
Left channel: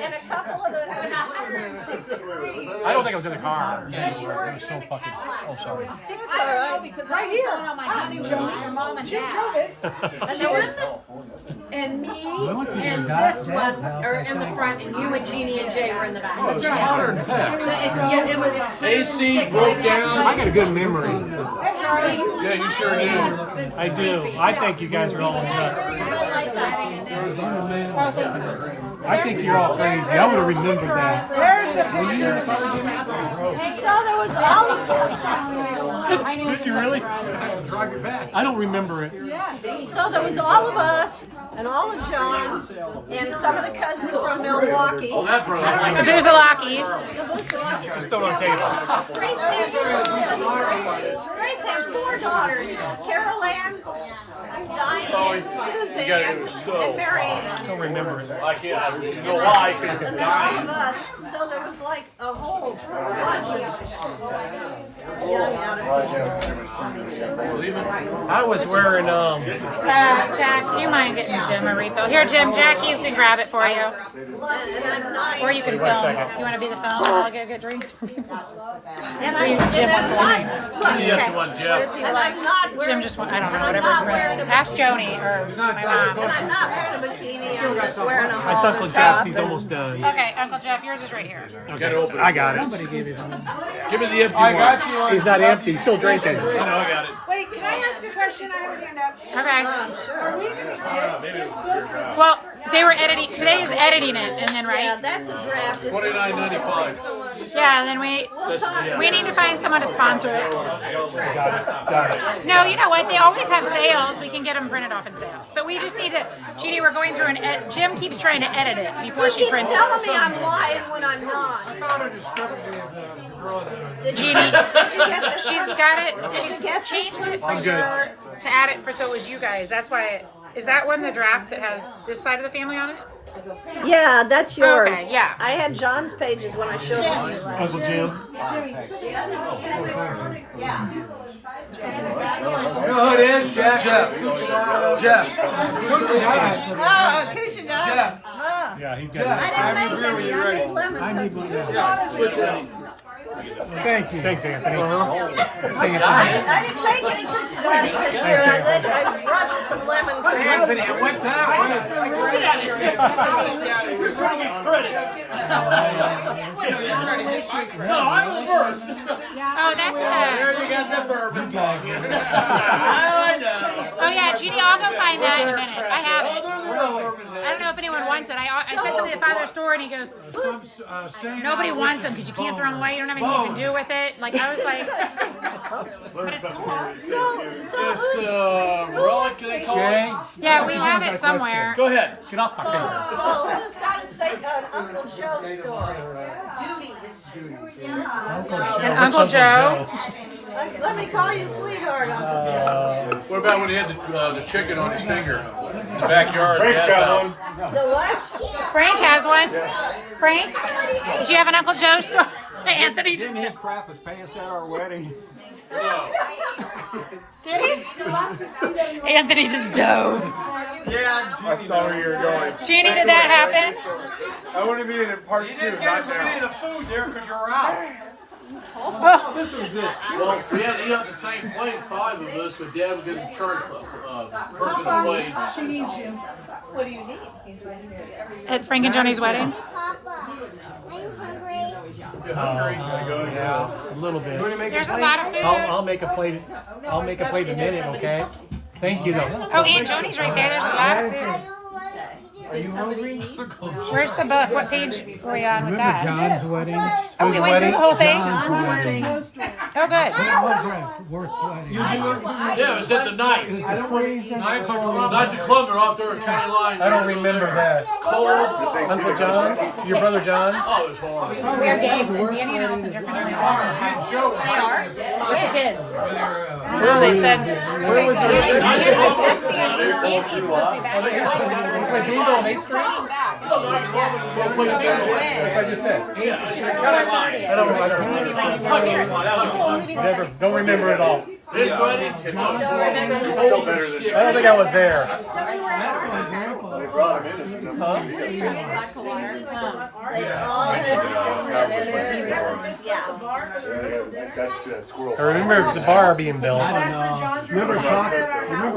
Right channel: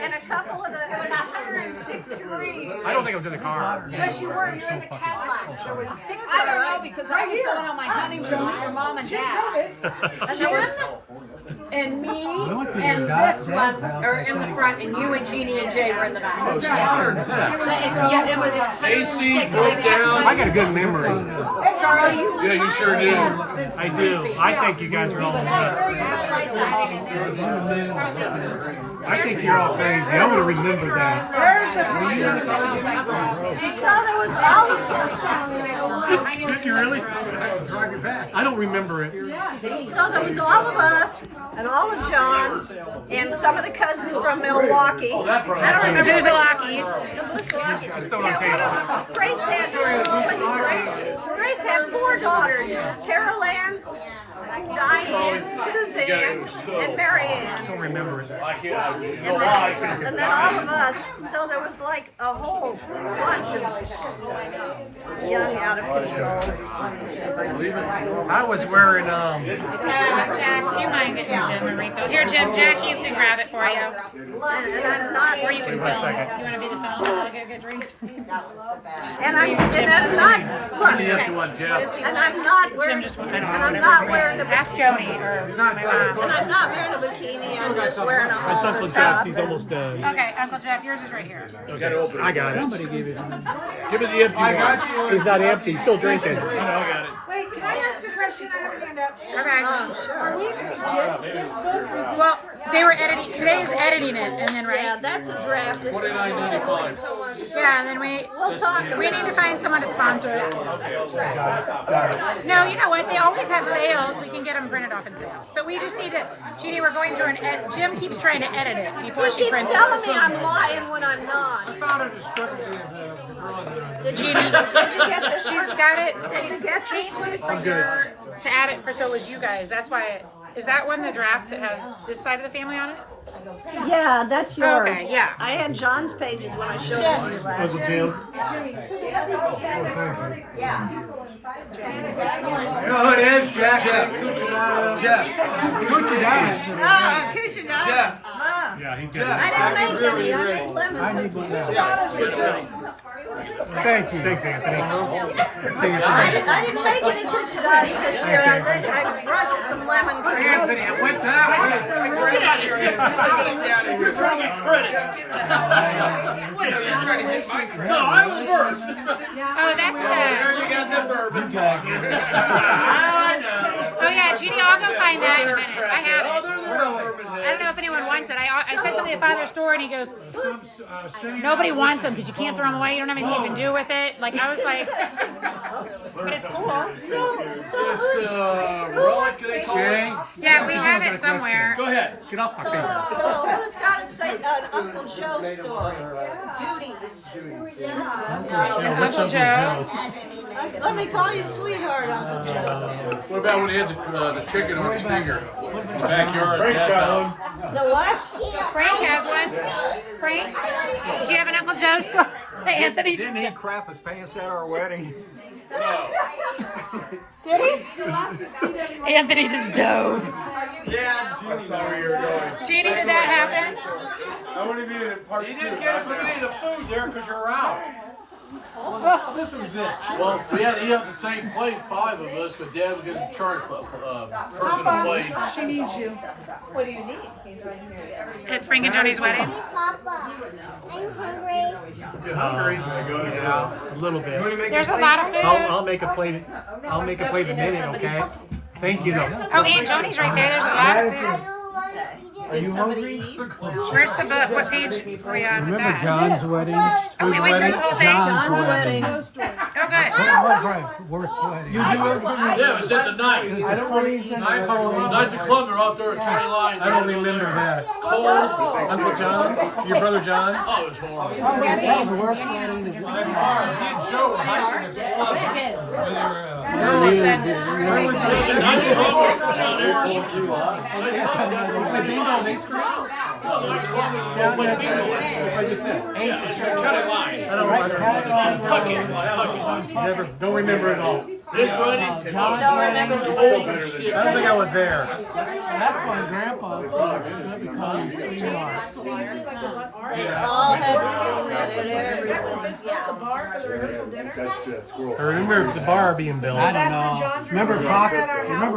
and a couple of the. It was 106 degrees. I don't think I was in the car. Yes, you were. You're in the Cadillac. There was 6. I don't know because I was going on my honeymoon with your mom and dad. And me and this one are in the front, and you and Jeannie and Jay were in the back. That's right. It was AC broke down. I got a good memory. Charlie. Yeah, you sure do. I do. I think you guys are all I think you're all crazy. I would have remembered that. Where's the So there was all of them. Did you really? I don't remember it. So there was all of us and all of John's and some of the cousins from Milwaukee. Oh, that broke. I don't The remember. Boozalakis. Grace had 4 daughters: Carol Ann, Diane, Suzanne, and Mary Ann. I don't remember it. I can't. I don't know why I can't. And then all of us. So there was like a whole bunch of young, out of control. Let me see if I can. I was wearing Jack, do you mind getting Jim a refill? Here, Jim, Jackie, you can grab it for you. And I'm not. Or you can film. You want to be the film? I'll go get drinks for you. And I'm not. Look, You have to want Jeff. and I'm not wearing. Jim just went, I don't and know, I'm whatever's not wearing a bikini. Ask Joni or my mom. I'm not wearing a bikini. I'm just wearing a It's home. Uncle Jeff's. He's almost done. Okay, Uncle Jeff, yours is right here. Okay, I got it. Somebody gave it to me. Give me the empty one. He's not empty. He's still drinking. I got it. Wait, can I ask a question? I have a hand up. Okay. Are we going to get this book? Or is Well, they were editing. Today is editing it, and then Yeah, right. that's a draft. It's $29.95. Yeah, and then We'll talk. we need to find someone to sponsor it. No, you know what? They always have sales. We can get them printed off in sales. But we just need to. Jeannie, we're going through Jim keeps trying to edit it before she prints telling it. me I'm lying when I'm not. I found a discrepancy of the girl and Jeannie, Did you get this? she's got it. She's get this? changed it for your to add it for so it was you guys. That's why. Is that one the draft that has this side of the family on it? Yeah, that's yours. Okay, yeah. I had John's pages when I showed it to you last. Uncle Jim. You know who it is, Jeff? Yeah, he's got I didn't make any. I made lemon. I need one now. Thank you. Thanks, Anthony. I didn't make any kuchiladas this year. I brushed some lemon cream. Anthony, it went that way. Oh, that's the. Oh yeah, Jeannie, I'll go find that in a minute. I have it. I don't know if anyone wants it. I said something to Father's store, and he goes, "Nobody wants them because you can't throw them away. You don't have anything you can do with it." Like I was like, but it's cool. Jay. Yeah, we have it somewhere. Go ahead. Get off my camera. So who's got an Uncle Joe story? Uncle Joe. Let me call you sweetheart, Uncle Joe. What about when he had the chicken on his finger in the backyard? Frank's got one. The what? Frank has one. Frank, do you have an Uncle Joe story? Anthony just Didn't he crap his pants at our wedding? did he? Anthony just dove. Yeah, I saw where you were going. Jeannie, did that happen? I want to be in part 2. You didn't get any of the food there because you're out. This was it. Well, we had to eat up the same plate, 5 of us, but Dad was going to charge person a plate. she needs you? What do you need? He's right here. At Frank and Joni's wedding. You're hungry? A little bit. There's a lot of food. I'll make a plate. I'll make a plate in a minute, okay? Thank you. Oh, Aunt Joni's right there. There's a lot of food. Did somebody eat? Where's the book? What page are we on? with Remember that? John's wedding? Whose You went through wedding? the whole thing? John's wedding. Oh, good. What was my worst wedding? Yeah, it was at the night. It was a freezing cold. Knights of Columbia off there at County Line. I don't remember that. Uncle John? Your brother John? Oh, it was horrible. We're games. Danny and Allison jumping in. Me and Joe were hiking at the plaza. Kids. When they were, They said, Wait, bingo on 8th Street? Yeah, what I just said. Don't remember it all. His wedding. Don't remember the wedding. I don't think I was there. that's my grandpa. They all had to sing that at everything. That's just squirrel. I remember the bar being built. I don't know. Remember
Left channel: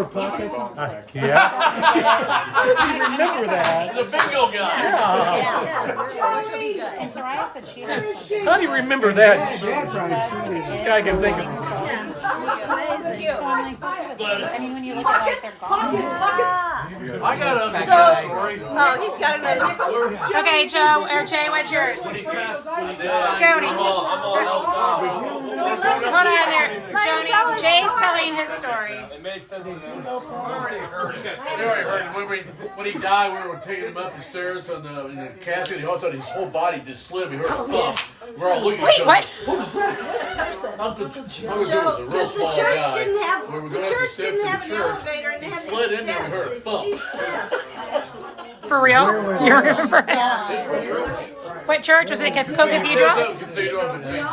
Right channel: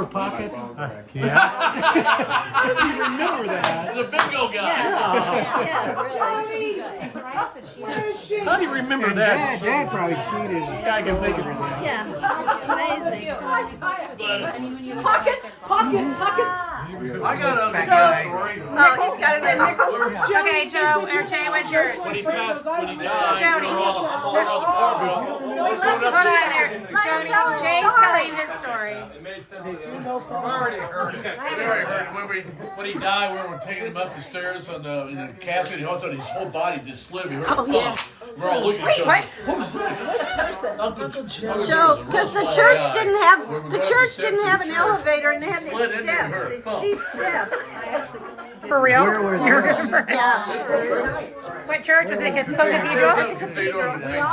Pockets? Yeah. How did you remember that? The bingo guy. Yeah, really. and Soraya said she has. How do you remember that? Dad probably cheated. This guy can think of it. Yeah, amazing. I mean, when you look at it, Pockets. I got it. No, he's got it in nickels. okay, Joe or Jay, what's yours? When he passed, when he died, Jody. I'm all around the bar bill. Hold on there, Jody. Jay's telling his story. It made sense to them. Already hurt. When he died, we were taking him up the stairs in the casket, and all of a sudden his whole body just slid. We heard a thump. We're all looking at each other. What? What was that? Uncle Joe, because the church didn't have an elevator and they had these steps, these steep steps. For real? You remember? Yeah. What church was it? Cathedral?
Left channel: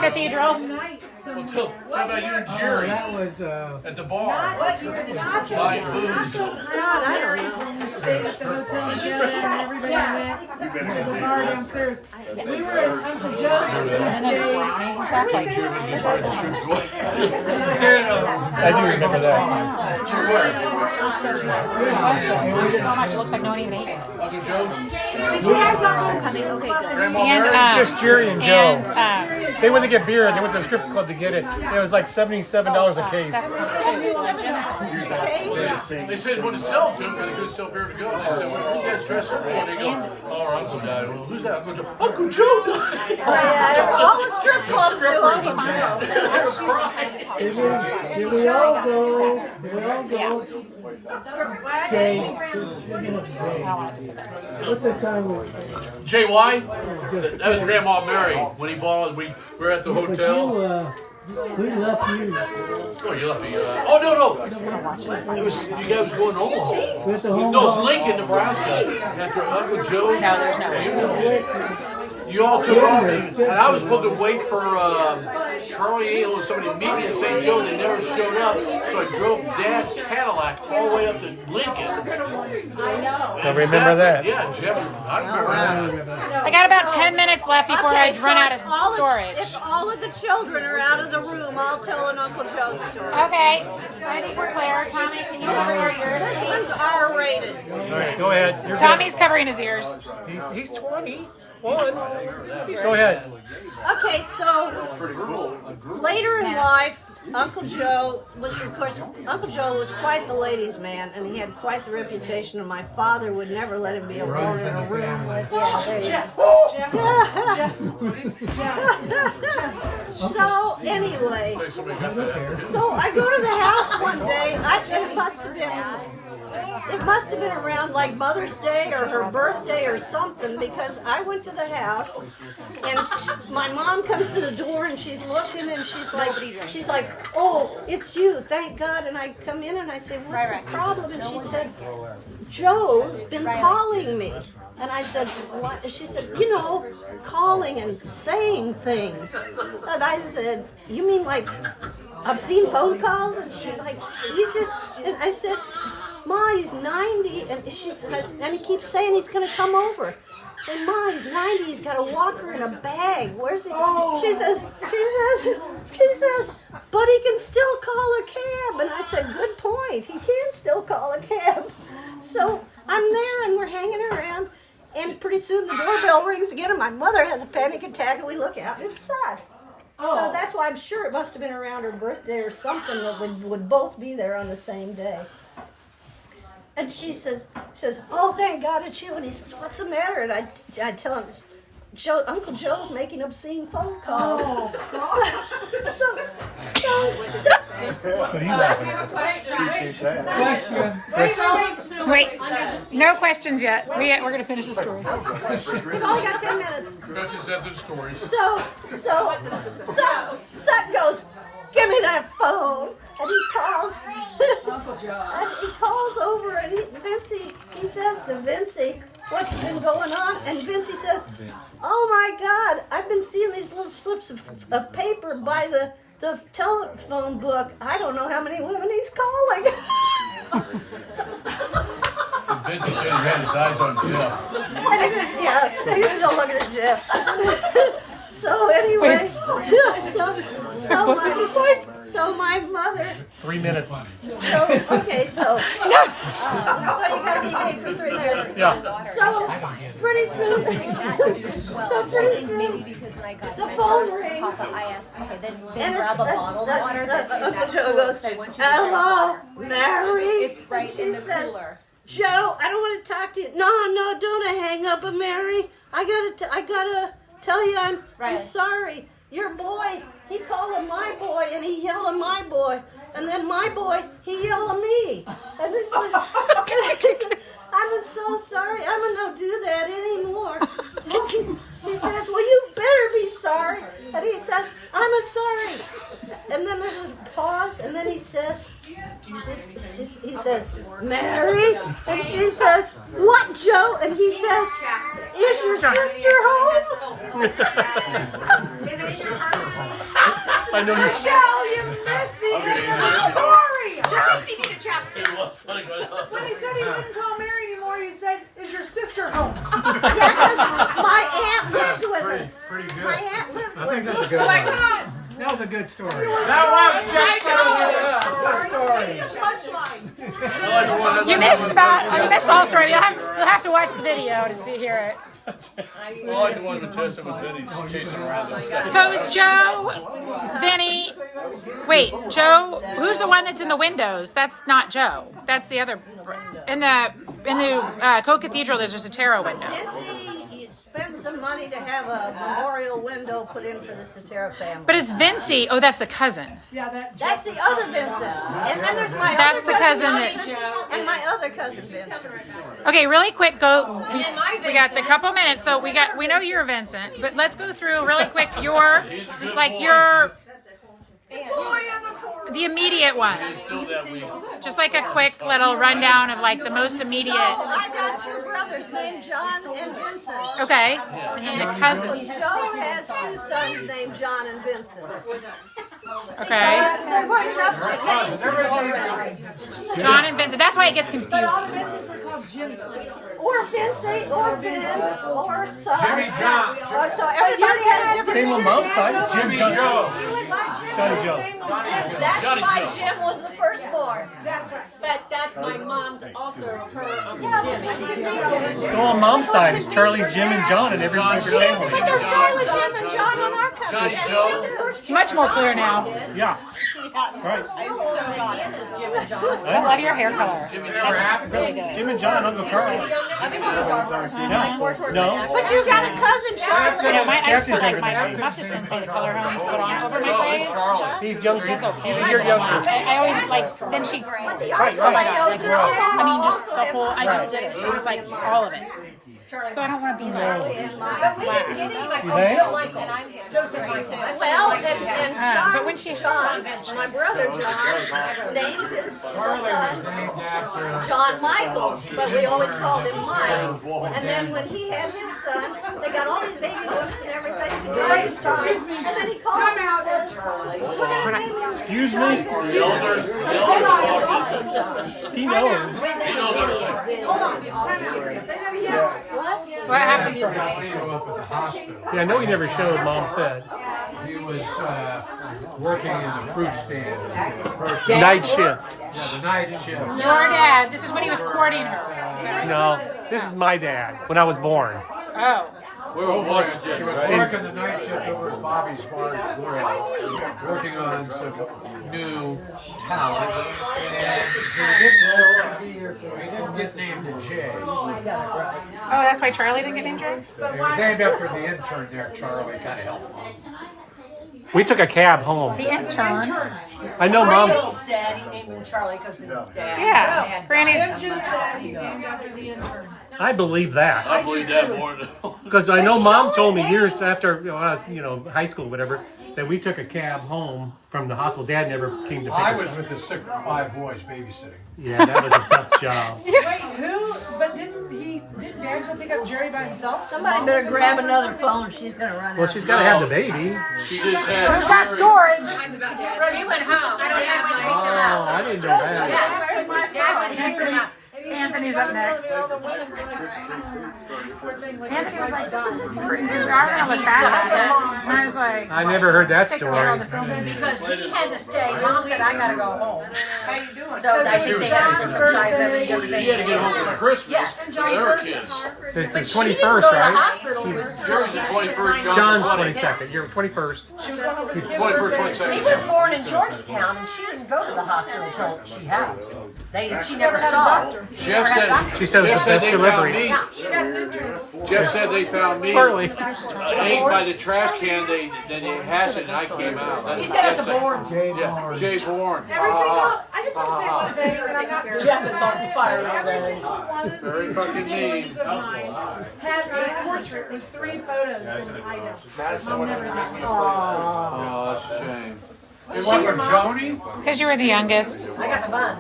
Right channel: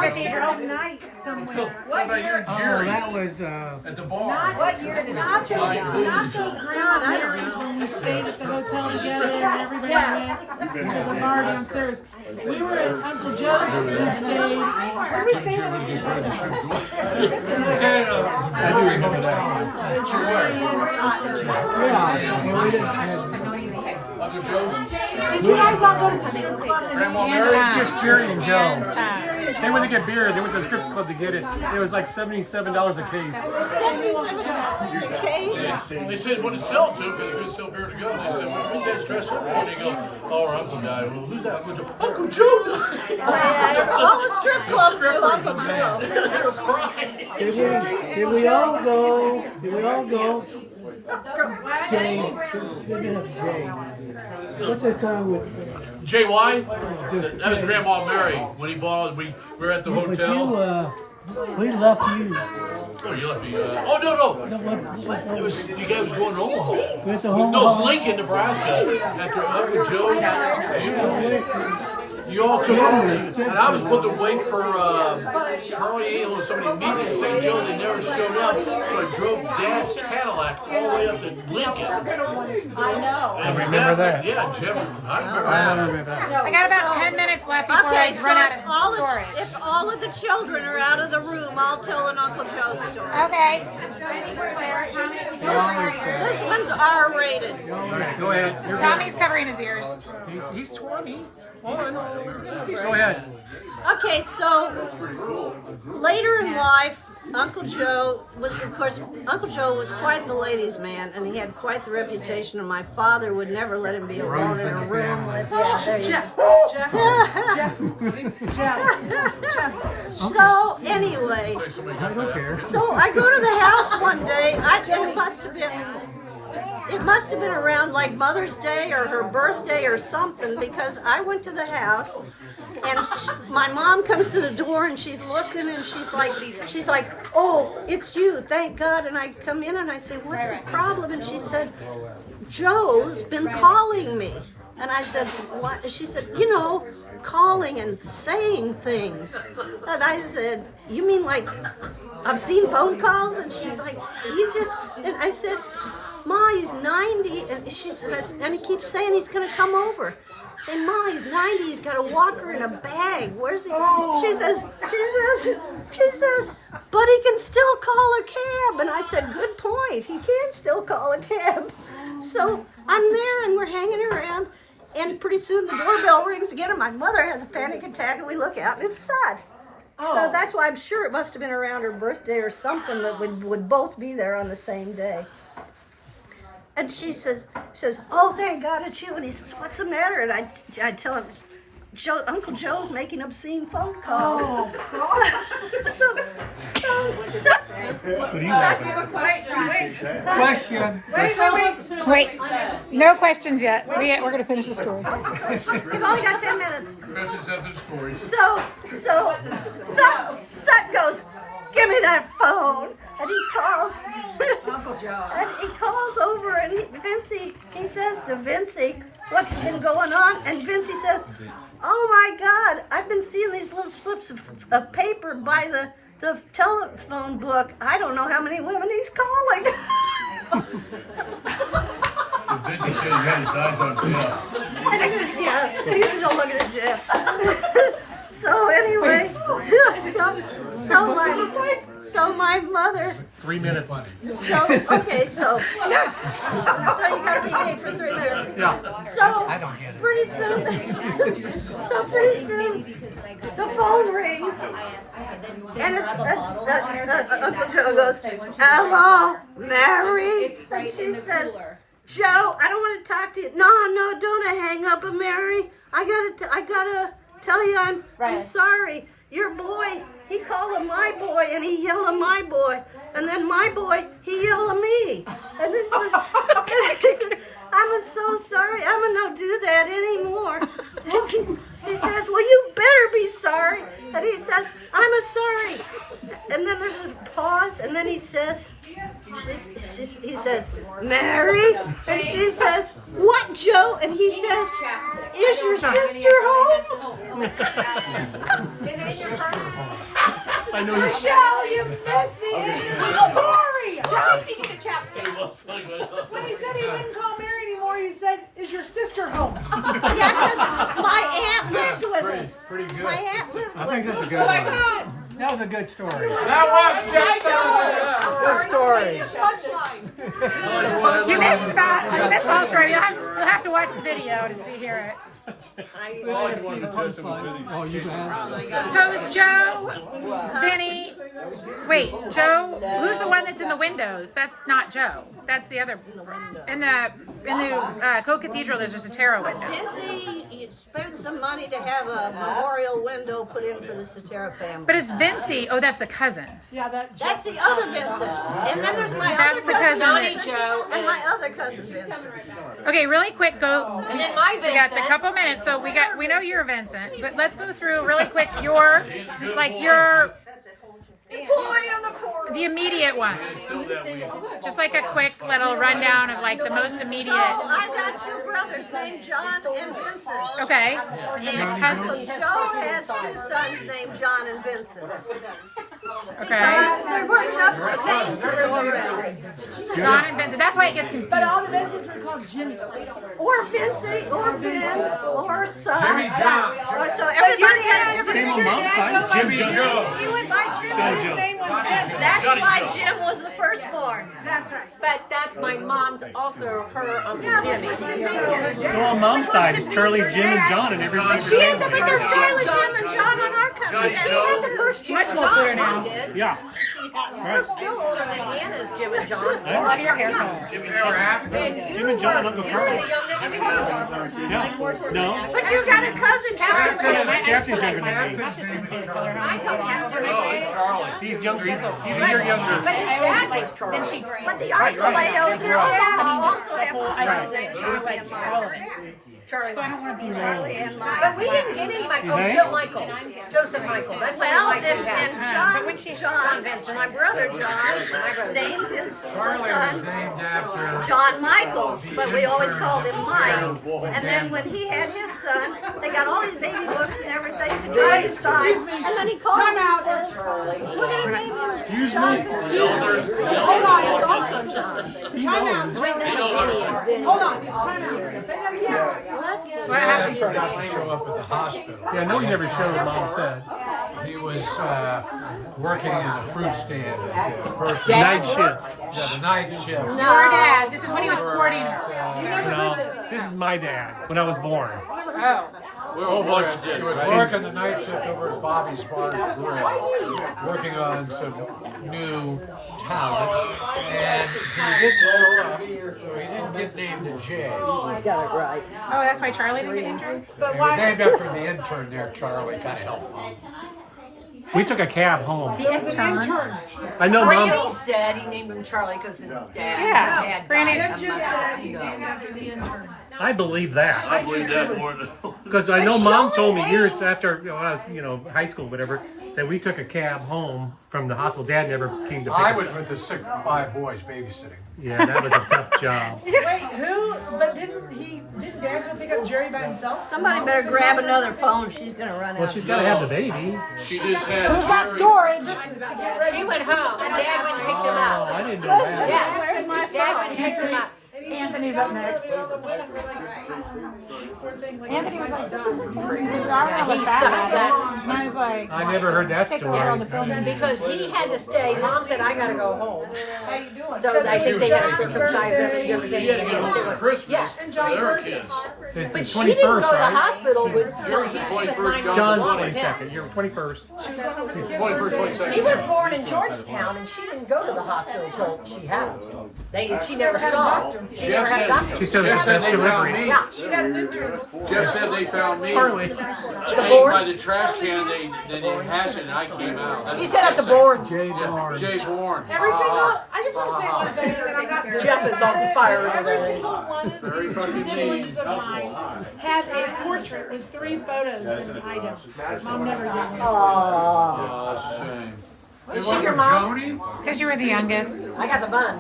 Cathedral. Night somewhere. What about you and Oh, Jerry that was, at the bar? Not those Marys when we stayed at the hotel together and everybody went to the bar downstairs. We were at Uncle Joe's and we stayed. I do remember that. Looks like no one even ate. Uncle Joe's? Did you guys all go to the strip club? And, Just Jerry and Joe. and They went to get beer. They went to the strip club to get it. It was like $77 a case. They said what to sell to, because they couldn't sell beer to go. They said, who's that dressed up? Where do you go? Oh, our uncle died. Well, who's that? Uncle Joe died. Yeah, all the strip clubs do Uncle Joe. They were crying. Here we all go. Here we all go. Jay. What's the time with J.Y.? just That was Grandma Mary. When he bought, we were at the but hotel. we left you. Oh, you left me. Oh, no. It was, you guys were going to Omaha. We at the No, home. it was Lincoln, Nebraska. After Uncle Joe. You all took over, and I was supposed to wait for Charlie and somebody to meet me in St. Joe. They never showed up, so I drove Dad's Cadillac all the way up to Lincoln. I remember that. Yeah, Jeff. I remember that. I got about 10 minutes left before I run out of storage. If all of the children are out of the room, I'll tell an Uncle Joe story. Okay. I think we're clear. Tommy, can you cover yours? This one's R-rated. Go ahead. Tommy's covering his ears. He's 20. Go ahead. Okay, so later in life, Uncle Joe was, of course, Uncle Joe was quite the ladies' man, and he had quite the reputation. And my father would never let him be alone in a room with. Yeah, there you go. So anyway, so I go to the house one day. And it must have been around like Mother's Day or her birthday or something, because I went to the house and my mom comes to the door and she's looking and she's like, oh, it's you, thank God. And I come in and I say, what's the problem? And she said, Joe's been calling me. And I said, what? And she said, calling and saying things. And I said, you mean like obscene phone calls? And she's like, and I said, Ma, he's 90, and she says, and he keeps saying he's going to come over. I say, Ma, he's 90, he's got a walker in a bag. Where's he? She says, but he can still call a cab. And I said, good point, he can still call a cab. So I'm there, and we're hanging around, and pretty soon the doorbell rings again, and my mother has a panic attack, and we look out, and it's Sut. So that's why I'm sure it must have been around her birthday or something that would both be there on the same day. And she says, "Oh, thank God it's you." And he says, "What's the matter?" And I tell him, Uncle Joe's making obscene phone calls. Oh, What are you laughing at? Wait, no questions yet. We're going to finish the story. We've only got 10 minutes. Betsy's had the story. So Sutton goes, "Give me that phone." And he calls, and he calls over, and he says to Vincey, "What's been going on?" And Vincey says, "Oh my God, I've been seeing these little slips of paper by the telephone book. I don't know how many women he's calling." Vincey said he had his eyes on Jeff. Yeah, he was all looking at Jeff. So anyway, so my mother. 3 minutes. So you gotta be paid for 3 minutes. Yeah. So pretty soon, the phone rings, and it's Uncle Joe goes, "Hello, Mary," and she says, "Joe, I don't want to talk to you." No, don't hang up, Mary. I gotta tell you, I'm sorry. Your boy, he called him my boy, and he yelled at my boy. And then my boy, he yelled at me. And it was, I'm so sorry. I'm going to not do that anymore. She says, "Well, you better be sorry." And he says, "I'm sorry." And then there's a pause, and then he says, "Mary?" And she says, "What, Joe?" And he says, "Is your sister home?" I know Michelle, you missed the story. Joe. When he said he wouldn't call Mary anymore, he said, "Is your sister home?" Yeah, because my aunt lived with us. Pretty good. My aunt lived I with think us. that's a good one. That was a good story. That was You missed the whole story. You'll have to watch the video to hear it. All I wanted to test him with Vinny's chasing. So it was Joe, Vinny. Wait, Joe. Who's the one that's in the windows? That's not Joe. That's the other. In the Co-Cathedral, there's a Sutera window. Vincey spent some money to have a memorial window put in for the Sutera family. But it's Vincey. Oh, that's the cousin. Yeah, That's the other Vincent. And then there's my That's other the cousin Joe, and my other cousin Vincent. Okay, really quick. Go. And then my We got a couple minutes, so we know you're Vincent, but let's go through really quick the immediate ones. Just like a quick little rundown of like the most immediate. I got two brothers named John and Vincent. Okay, and then the cousins. Joe has two sons named John and Vincent. Okay, There weren't enough names to go around. John and Vincent. That's why it gets confusing. But all the Vincents were called Jimmy. Or Vincent, or Vin, or son. Jimmy John. So everybody had different Same on mom's side. Jimmy Joe. You went by Jim. Johnny Joe. That's why Jim was the firstborn. That's right. But that's my mom's also her Uncle Jimmy. So on mom's side, it's Charlie, Jim, and John, and everybody. But there's Charlie, Jim, and John on our country. Much more clear now. Yeah. Right. Hannah's Jim and John. I love your hair color. Jim and John, Uncle Carl. Yeah. No. But you got a cousin, Charlie. Yeah, I just put like not just some kind of color home, put on over my face. He's younger. He's a year younger. I always like, then she, But the Archelaos and all that. I mean, just the whole, I just did it. It's like all of it. So I don't want to be like, But we didn't get any like Joe Michael, Joseph Michael. That's what Well, I and had. but when she, John, my brother John, named his Charlie was son named after. John Michael, but we always called him Mike. And then when he had his son, they got all these baby books and everything to try to sign. And then he calls and says, "We're gonna name him Excuse John." me? Hold on, he's also John. He knows. Hold on. Time out. Say that again. what happened? He forgot to show up at the hospital. Yeah, I know he never showed, Mom said. He was working in the fruit stand at the grocery. Night shift. Yeah, the night shift. Your dad, this is when he was courting her. No, this is my dad when I was born. Oh. He was working the night shift over at Bobby's Bar and Grill, working on some new talent, and he didn't show up, so he didn't get named to Jay. She's got it right. Oh, that's why Charlie didn't get injured? He was named after the intern there, Charlie, kind of helped him. We took a cab home. The intern. I know, Mom. Granny said he named him Charlie because his dad. Yeah, dad Granny's- died. Just said he named after the intern. I believe that. I believe that more than. Because I know Mom told me years after, when I was, high school, whatever, that we took a cab home from the hospital. Dad never came to pick I us was up. with the 6 to 5 boys babysitting. Yeah, that was a tough job. Wait, who? But didn't Dad go pick up Jerry by himself? Somebody better grab another phone. She's gonna run Well, out. she's got to have the baby. She just had. Who's got storage? She went home, and Dad went and picked him Oh, up. I didn't know that. Yeah, Dad went and picked him up. Anthony's up next. All the women were like, poor thing, like, Anthony was like, this is important. I don't know what that at it. And I was like, I never heard that take a story. while to film it. Because he had to stay. Mom said, I gotta go home. So I think they had to circumcise him and everything. She had to get home for Christmas. Yes. For their kids. It's the But she didn't go 21st, to the right? hospital until he was 9 John's months. 22nd. You're 21st. she was going over the kids' 21st, birthday. 22nd. He was born in Georgetown, and she didn't go to the hospital until she had him. She never saw him. She never Jeff had a said. doctor. She said it Jeff was the said best they found delivery. me. She got an intern. Jeff said they found me. Charlie. Hanging by the trash can. They hashed it, and I came out. He said at the board. Yeah, Jay Bourne. Every single, I just want to say one thing, and I'm not. Jeff is on fire. Every single one of Very these fucking siblings mean. of mine have a portrait with 3 photos, and I don't. Mom never did one. Oh, shame. Is she your mom? Jody? Because you were the youngest. I got the bun.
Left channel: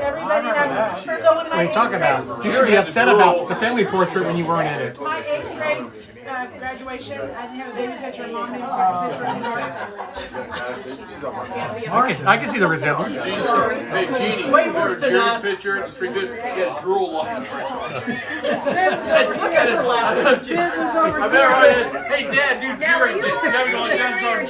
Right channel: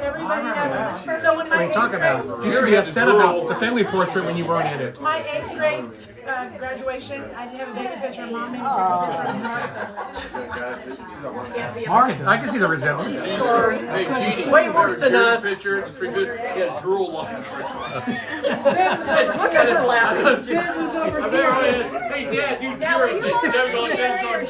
Everybody knows. So when What my are you 8th talking grade, about? You should be upset about the family portrait when you weren't in it. my 8th grade graduation, I didn't have a baby picture. Mom made me take a picture of Martha. Marty, I can see the resemblance. Hey, Jeannie. Way worse than us. Picture. It's pretty good. Yeah, drool on it. Look at her laughing. Biz was over I here. remember, hey, Dad, do Jerry. You gotta go down.